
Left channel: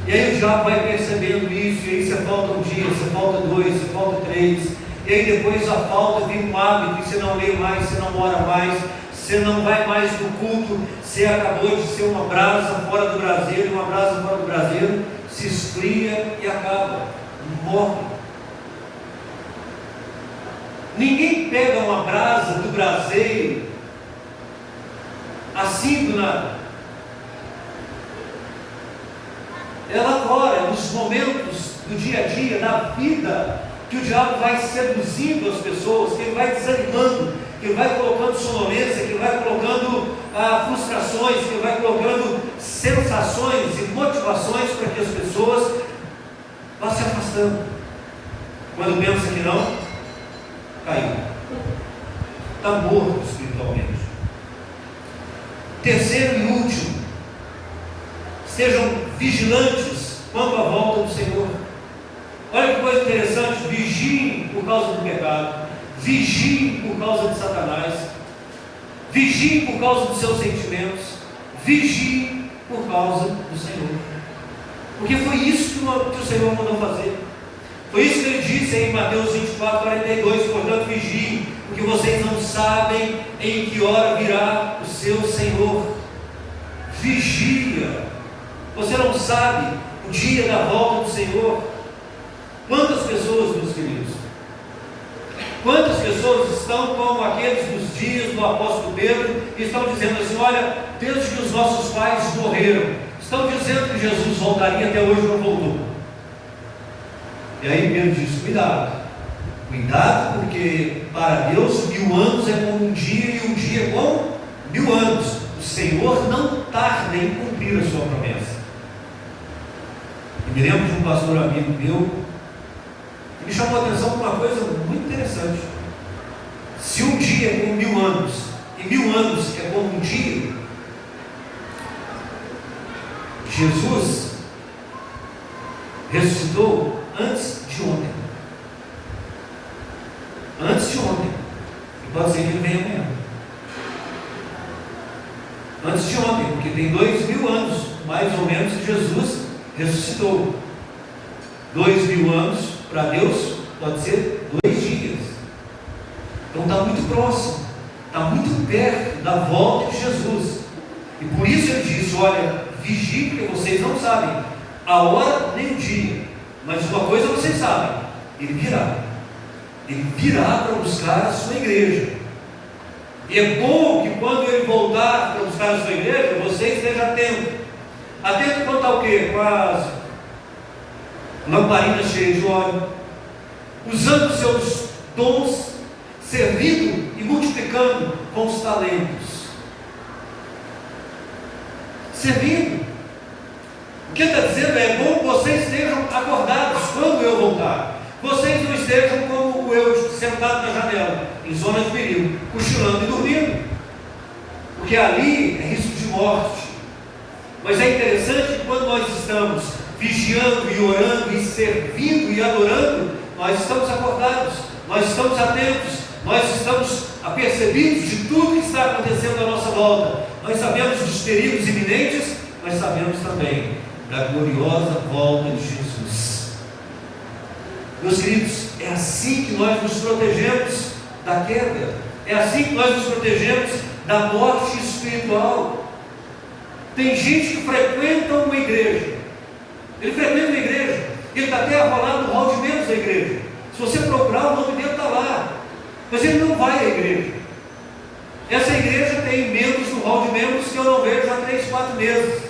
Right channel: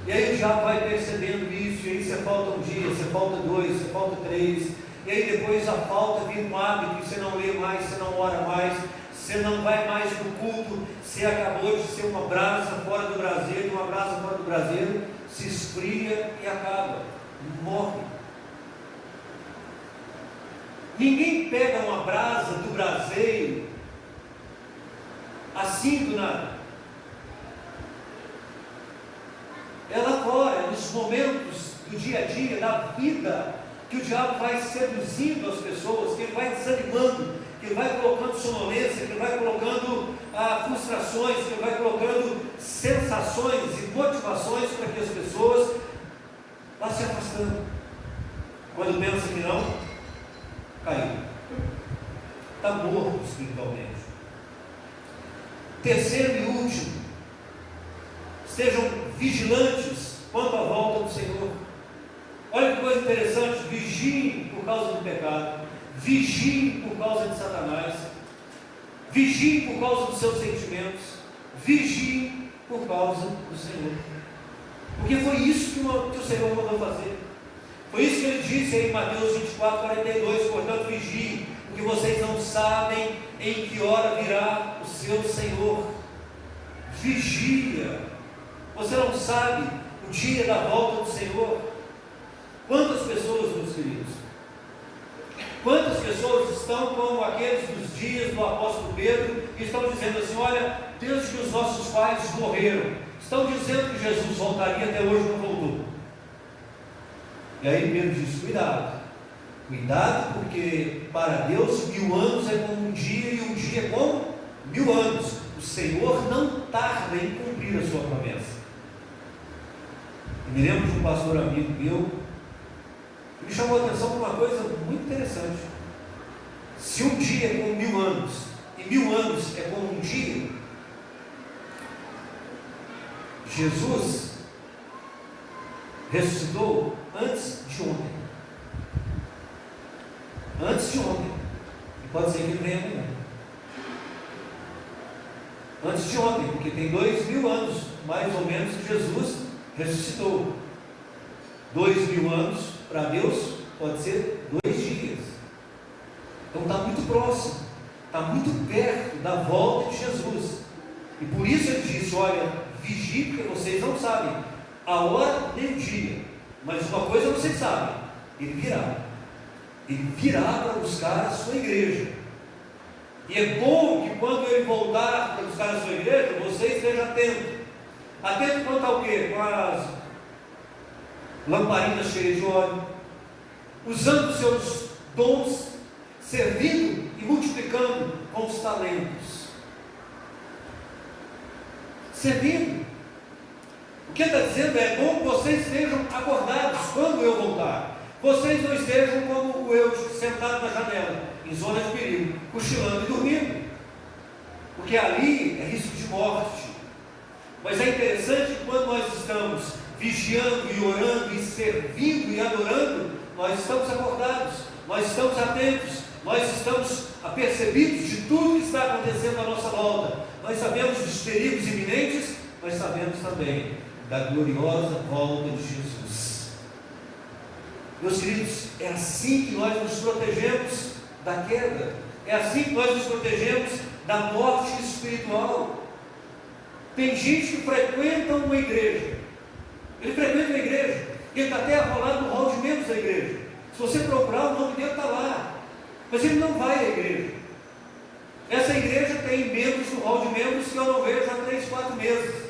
E aí o diabo vai percebendo isso, e aí você falta um dia, você falta dois, você falta três, e aí depois a falta vira um hábito, e você não lê mais, você não ora mais, você não vai mais no culto, você acabou de ser uma brasa fora do braseiro, uma brasa fora do braseiro, se esfria e acaba, morre. Ninguém pega uma brasa do braseiro assim do nada. Ela agora, nos momentos do dia a dia, da vida, que o diabo vai seduzindo as pessoas, que ele vai desanimando, que ele vai colocando sonolência, que ele vai colocando frustrações, que ele vai colocando sensações e motivações para que as pessoas vão se afastando. Quando pensa que não, caiu. Está morto espiritualmente. Terceiro e último, sejam vigilantes quanto à volta do Senhor. Olha que coisa interessante, vigiem por causa do pecado, vigiem por causa de Satanás, vigiem por causa dos seus sentimentos, vigiem por causa do Senhor. Porque foi isso que o Senhor mandou fazer. Foi isso que ele disse em Mateus 24, 42, portanto vigiem, porque vocês não sabem em que hora virá o seu Senhor. Vigia. Você não sabe o dia da volta do Senhor. Quantas pessoas, meus queridos, quantas pessoas estão como aqueles dos dias do apóstolo Pedro, e estão dizendo assim: olha, desde que os nossos pais morreram, estão dizendo que Jesus voltaria, até hoje não voltou. E aí Pedro diz: cuidado, porque para Deus 1000 anos é como um dia, e um dia é como 1000 anos. O Senhor não tarda em cumprir a sua promessa. Eu me lembro de um pastor amigo meu que me chamou a atenção para uma coisa muito interessante. Se um dia é como 1000 anos, e 1000 anos é como um dia, Jesus ressuscitou antes de ontem. Antes de ontem. E pode ser que ele venha amanhã. Antes de ontem, porque tem 2000 anos, mais ou menos, que Jesus ressuscitou. 2000 anos, para Deus, pode ser 2 dias. Então está muito próximo, está muito perto da volta de Jesus. E por isso ele disse: olha, vigie, porque vocês não sabem a hora nem o dia. Mas uma coisa vocês sabem: ele virá. Ele virá para buscar a sua igreja. E é bom que quando ele voltar para buscar a sua igreja, você esteja atento. Atento quanto ao quê? Com as lamparinas cheias de óleo, usando os seus dons, servindo e multiplicando com os talentos. Servindo. O que está dizendo é bom que vocês estejam acordados quando eu voltar. Vocês não estejam como eu, sentado na janela, em zona de perigo, cochilando e dormindo, porque ali é risco de morte. Mas é interessante que quando nós estamos vigiando e orando e servindo e adorando, nós estamos acordados, nós estamos atentos, nós estamos apercebidos de tudo que está acontecendo à nossa volta. Nós sabemos dos perigos iminentes, mas sabemos também da gloriosa volta de Jesus. Meus queridos, é assim que nós nos protegemos da queda, é assim que nós nos protegemos da morte espiritual. Tem gente que frequenta uma igreja, ele frequenta uma igreja, ele está até arrolado no hall de membros da igreja. Se você procurar, o nome dele está lá, mas ele não vai à igreja. Essa igreja tem membros no hall de membros que eu não vejo há 3, 4 meses.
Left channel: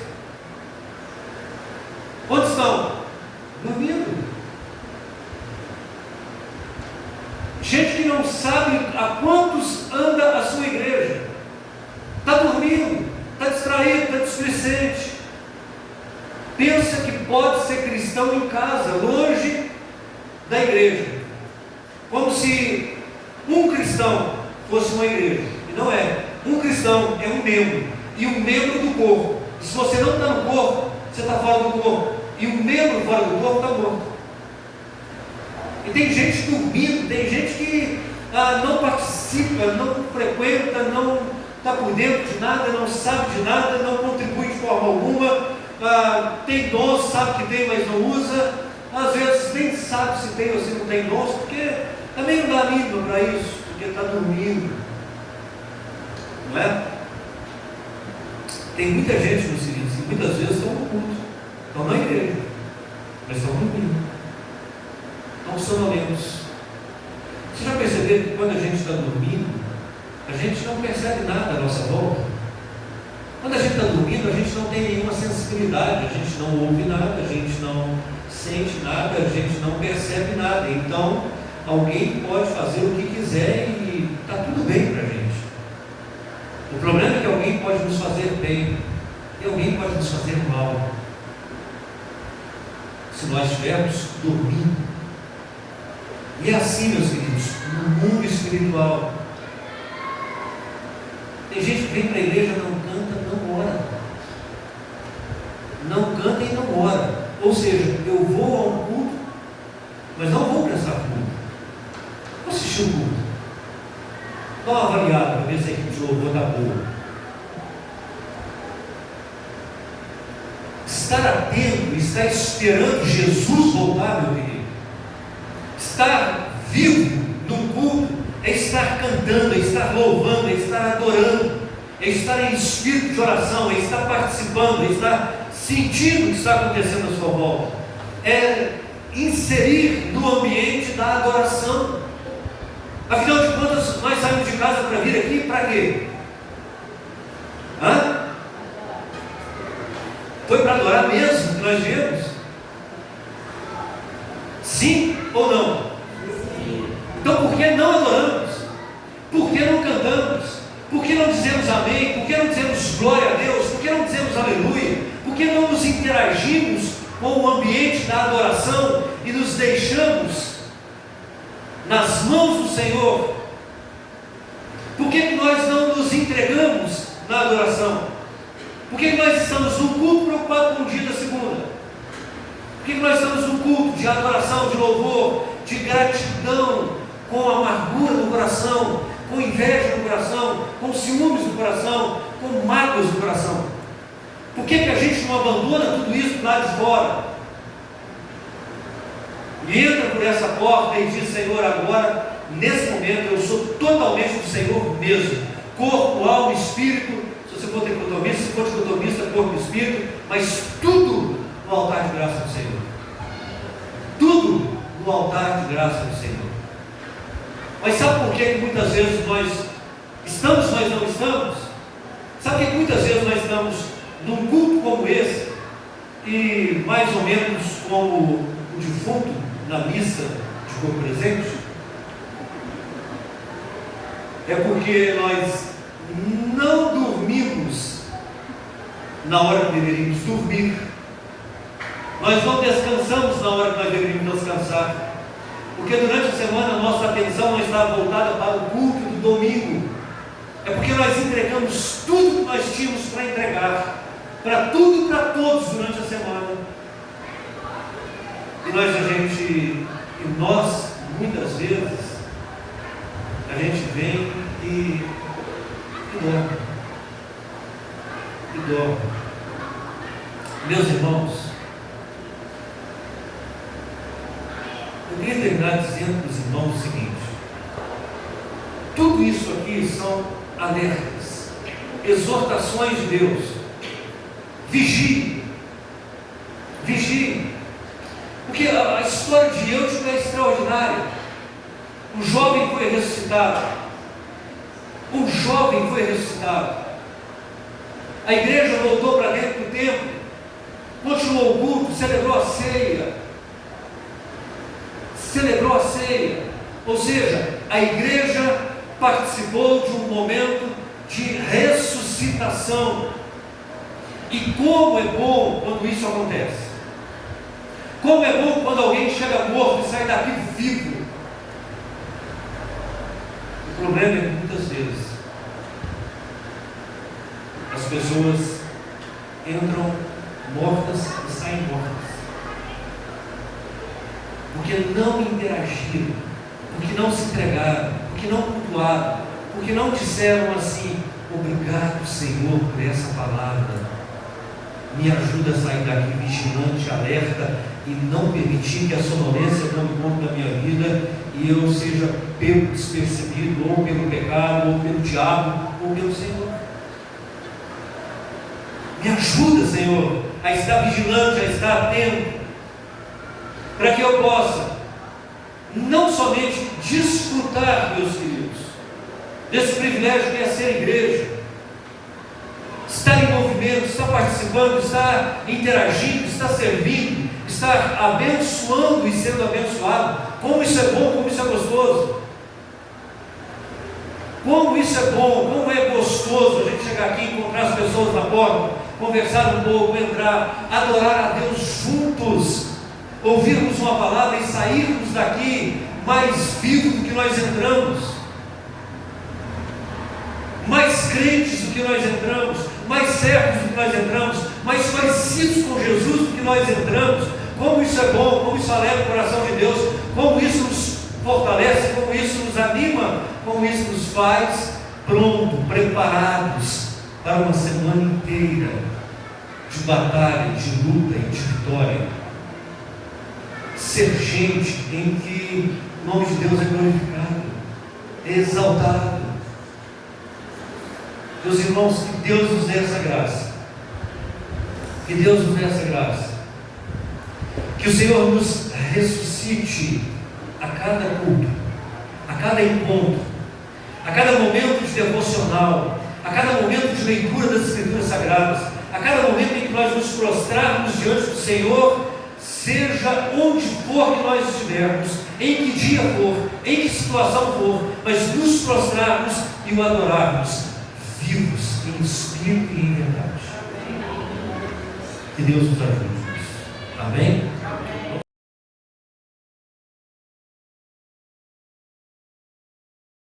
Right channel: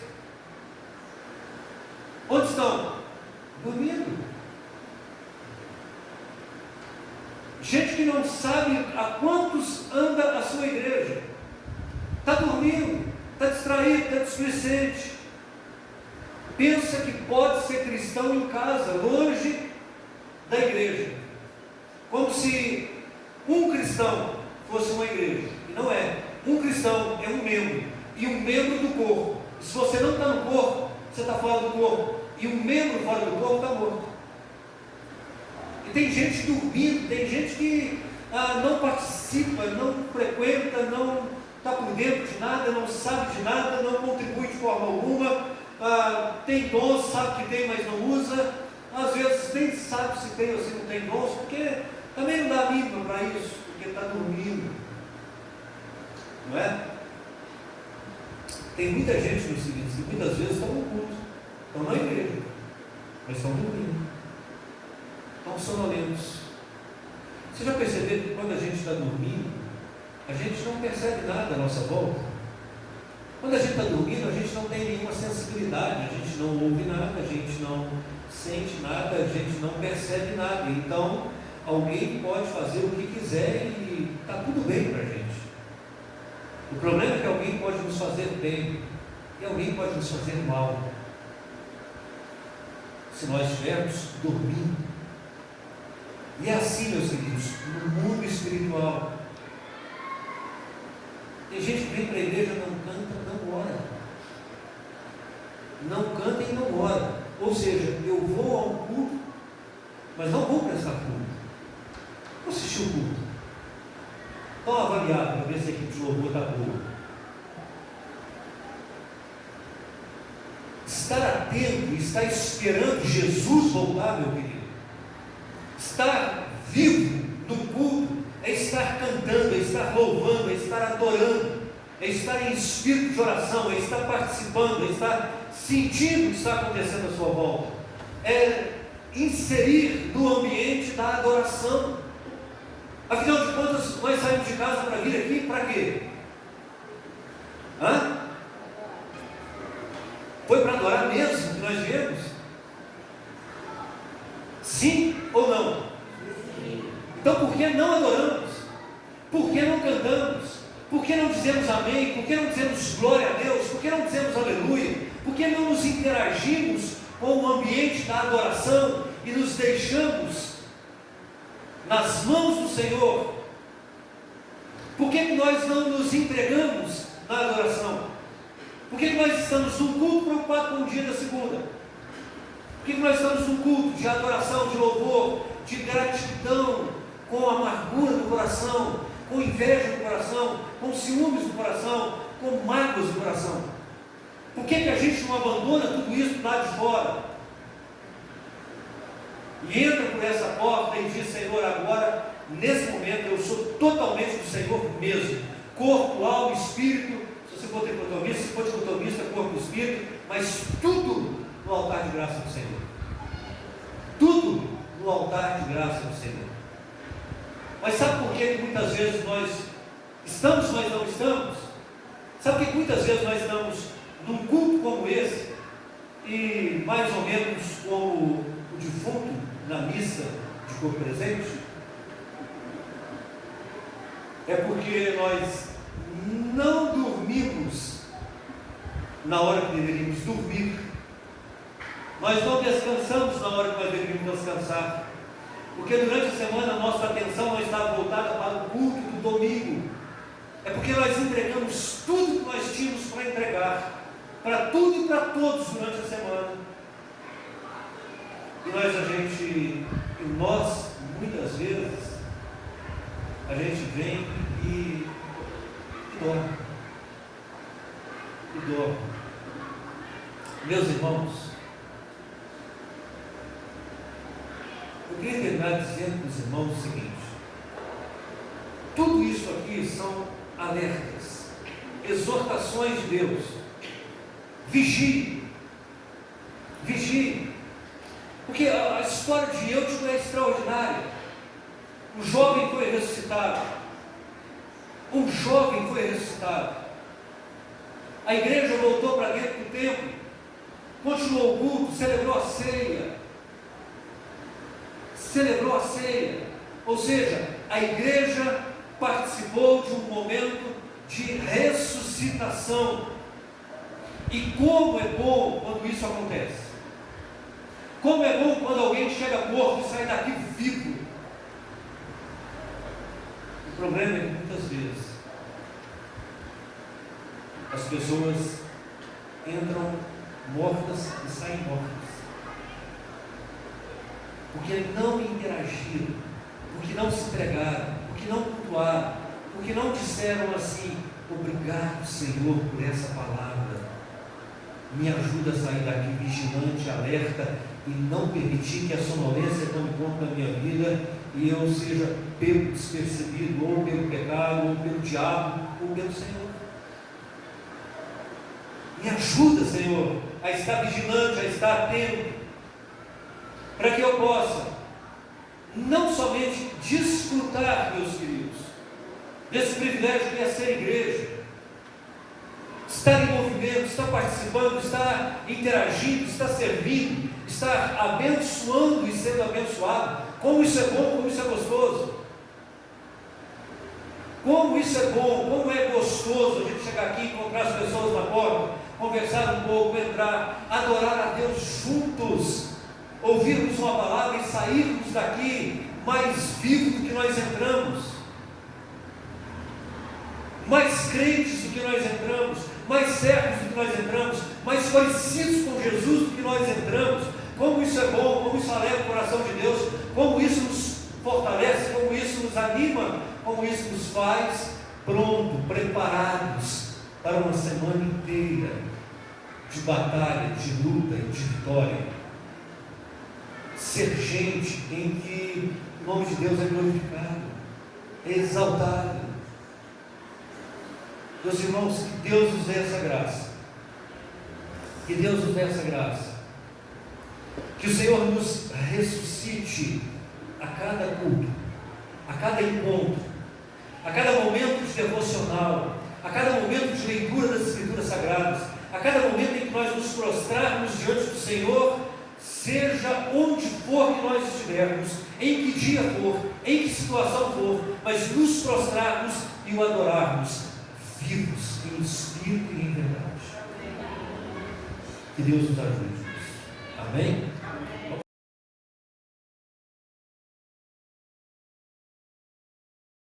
Onde estão? Dormindo. Gente que não sabe a quantos anda a sua igreja, está dormindo, está distraído, está displicente, pensa que pode ser cristão em casa, longe da igreja, como se um cristão fosse uma igreja, e não é. Um cristão é um membro, e um membro do corpo. E se você não está no corpo, você está fora do corpo, e um membro fora do corpo está morto. E tem gente dormindo, tem gente que não participa, não frequenta, não está por dentro de nada, não sabe de nada, não contribui de forma alguma, tem dons, sabe que tem, mas não usa, às vezes nem sabe se tem ou se não tem dons, porque também não dá mínimo para isso, porque está dormindo, não é? Tem muita gente no seguinte, que muitas vezes estão no culto, estão na igreja, mas estão dormindo, estão sonolentos. Você já percebeu ver que quando a gente está dormindo, a gente não percebe nada à nossa volta. Quando a gente está dormindo, a gente não tem nenhuma sensibilidade, a gente não ouve nada, a gente não sente nada, a gente não percebe nada. Então, alguém pode fazer o que quiser e está tudo bem para a gente. O problema é que alguém pode nos fazer bem e alguém pode nos fazer mal, se nós estivermos dormindo. E é assim, meus queridos, no mundo espiritual. Tem gente que vem para a igreja, não canta, não ora. Não canta e não ora. Ou seja, eu vou a um culto, mas não vou prestar culto. Vou assistir o culto. Dá uma avaliada para ver se a equipe de louvor está boa. Estar atento, estar esperando Jesus voltar, meu querido. Estar vivo num culto é estar cantando, é estar louvando, é estar adorando, é estar em espírito de oração, é estar participando, é estar sentindo o que está acontecendo à sua volta, é inserir no ambiente da adoração. Afinal de contas, nós saímos de casa para vir aqui para quê? Foi para adorar mesmo que nós viemos? Sim ou não? Sim. Então por que não adoramos? Por que não cantamos? Por que não dizemos amém? Por que não dizemos glória a Deus? Por que não dizemos aleluia? Por que não nos interagimos com o ambiente da adoração e nos deixamos nas mãos do Senhor? Por que nós não nos entregamos na adoração? Por que nós estamos num culto preocupado com o dia da segunda? Por que nós estamos num culto de adoração, de louvor, de gratidão, com amargura no coração, com inveja no coração, com ciúmes no coração, com mágoas no coração? Por que a gente não abandona tudo isso do lado de fora? E entra por essa porta e diz: Senhor, agora, nesse momento, eu sou totalmente do Senhor mesmo. Corpo, alma, espírito. Se você for tricotomista, se for dicotomista, corpo e espírito, mas tudo no altar de graça do Senhor. Tudo no altar de graça do Senhor. Mas sabe por que muitas vezes nós estamos, mas não estamos? Sabe por que muitas vezes nós estamos num culto como esse, e mais ou menos como o defunto na missa de corpo presente? É porque nós não dormimos na hora que deveríamos dormir. Nós não descansamos na hora que nós deveríamos descansar. Porque durante a semana a nossa atenção não está voltada para o culto do domingo. É porque nós entregamos tudo que nós tínhamos para entregar, para tudo e para todos durante a semana. E nós, muitas vezes, a gente vem e dorme. E dorme. Meus irmãos, eu queria terminar dizendo para os irmãos o seguinte: tudo isso aqui são alertas, exortações de Deus. Vigie, vigie, porque a história de Eutico é extraordinária. Um jovem foi ressuscitado, um jovem foi ressuscitado. A igreja voltou para dentro do templo, continuou o culto, celebrou a ceia. Celebrou a ceia, ou seja, a igreja participou de um momento de ressuscitação. E como é bom quando isso acontece! Como é bom quando alguém chega morto e sai daqui vivo! O problema é que muitas vezes as pessoas entram mortas e saem mortas, porque não interagiram, porque não se entregaram, porque não cultuaram, porque não disseram assim: obrigado, Senhor, por essa palavra, me ajuda a sair daqui vigilante, alerta, e não permitir que a sonolência tome conta da minha vida e eu seja pego despercebido, ou pelo pecado, ou pelo diabo, ou pelo Senhor. Me ajuda, Senhor, a estar vigilante, a estar atento, para que eu possa não somente desfrutar, meus queridos, desse privilégio que é ser igreja, estar em movimento, estar participando, estar interagindo, estar servindo, estar abençoando e sendo abençoado. Como isso é bom, como isso é gostoso. Como isso é bom, como é gostoso a gente chegar aqui, encontrar as pessoas na porta, conversar um pouco, entrar, adorar a Deus juntos, ouvirmos uma palavra e sairmos daqui mais vivos do que nós entramos, mais crentes do que nós entramos, mais servos do que nós entramos, mais parecidos com Jesus do que nós entramos. Como isso é bom, como isso alegra o coração de Deus, como isso nos fortalece, como isso nos anima, como isso nos faz prontos, preparados para uma semana inteira de batalha, de luta e de vitória. Ser gente em que o nome de Deus é glorificado, é exaltado. Meus irmãos, que Deus nos dê essa graça, que Deus nos dê essa graça, que o Senhor nos ressuscite a cada culto, a cada encontro, a cada momento de devocional, a cada momento de leitura das Escrituras Sagradas, a cada momento em que nós nos prostrarmos diante do Senhor, seja onde for que nós estivermos, em que dia for, em que situação for, mas nos prostrarmos e o adorarmos, vivos em espírito e em verdade. Que Deus nos ajude nisso. Amém?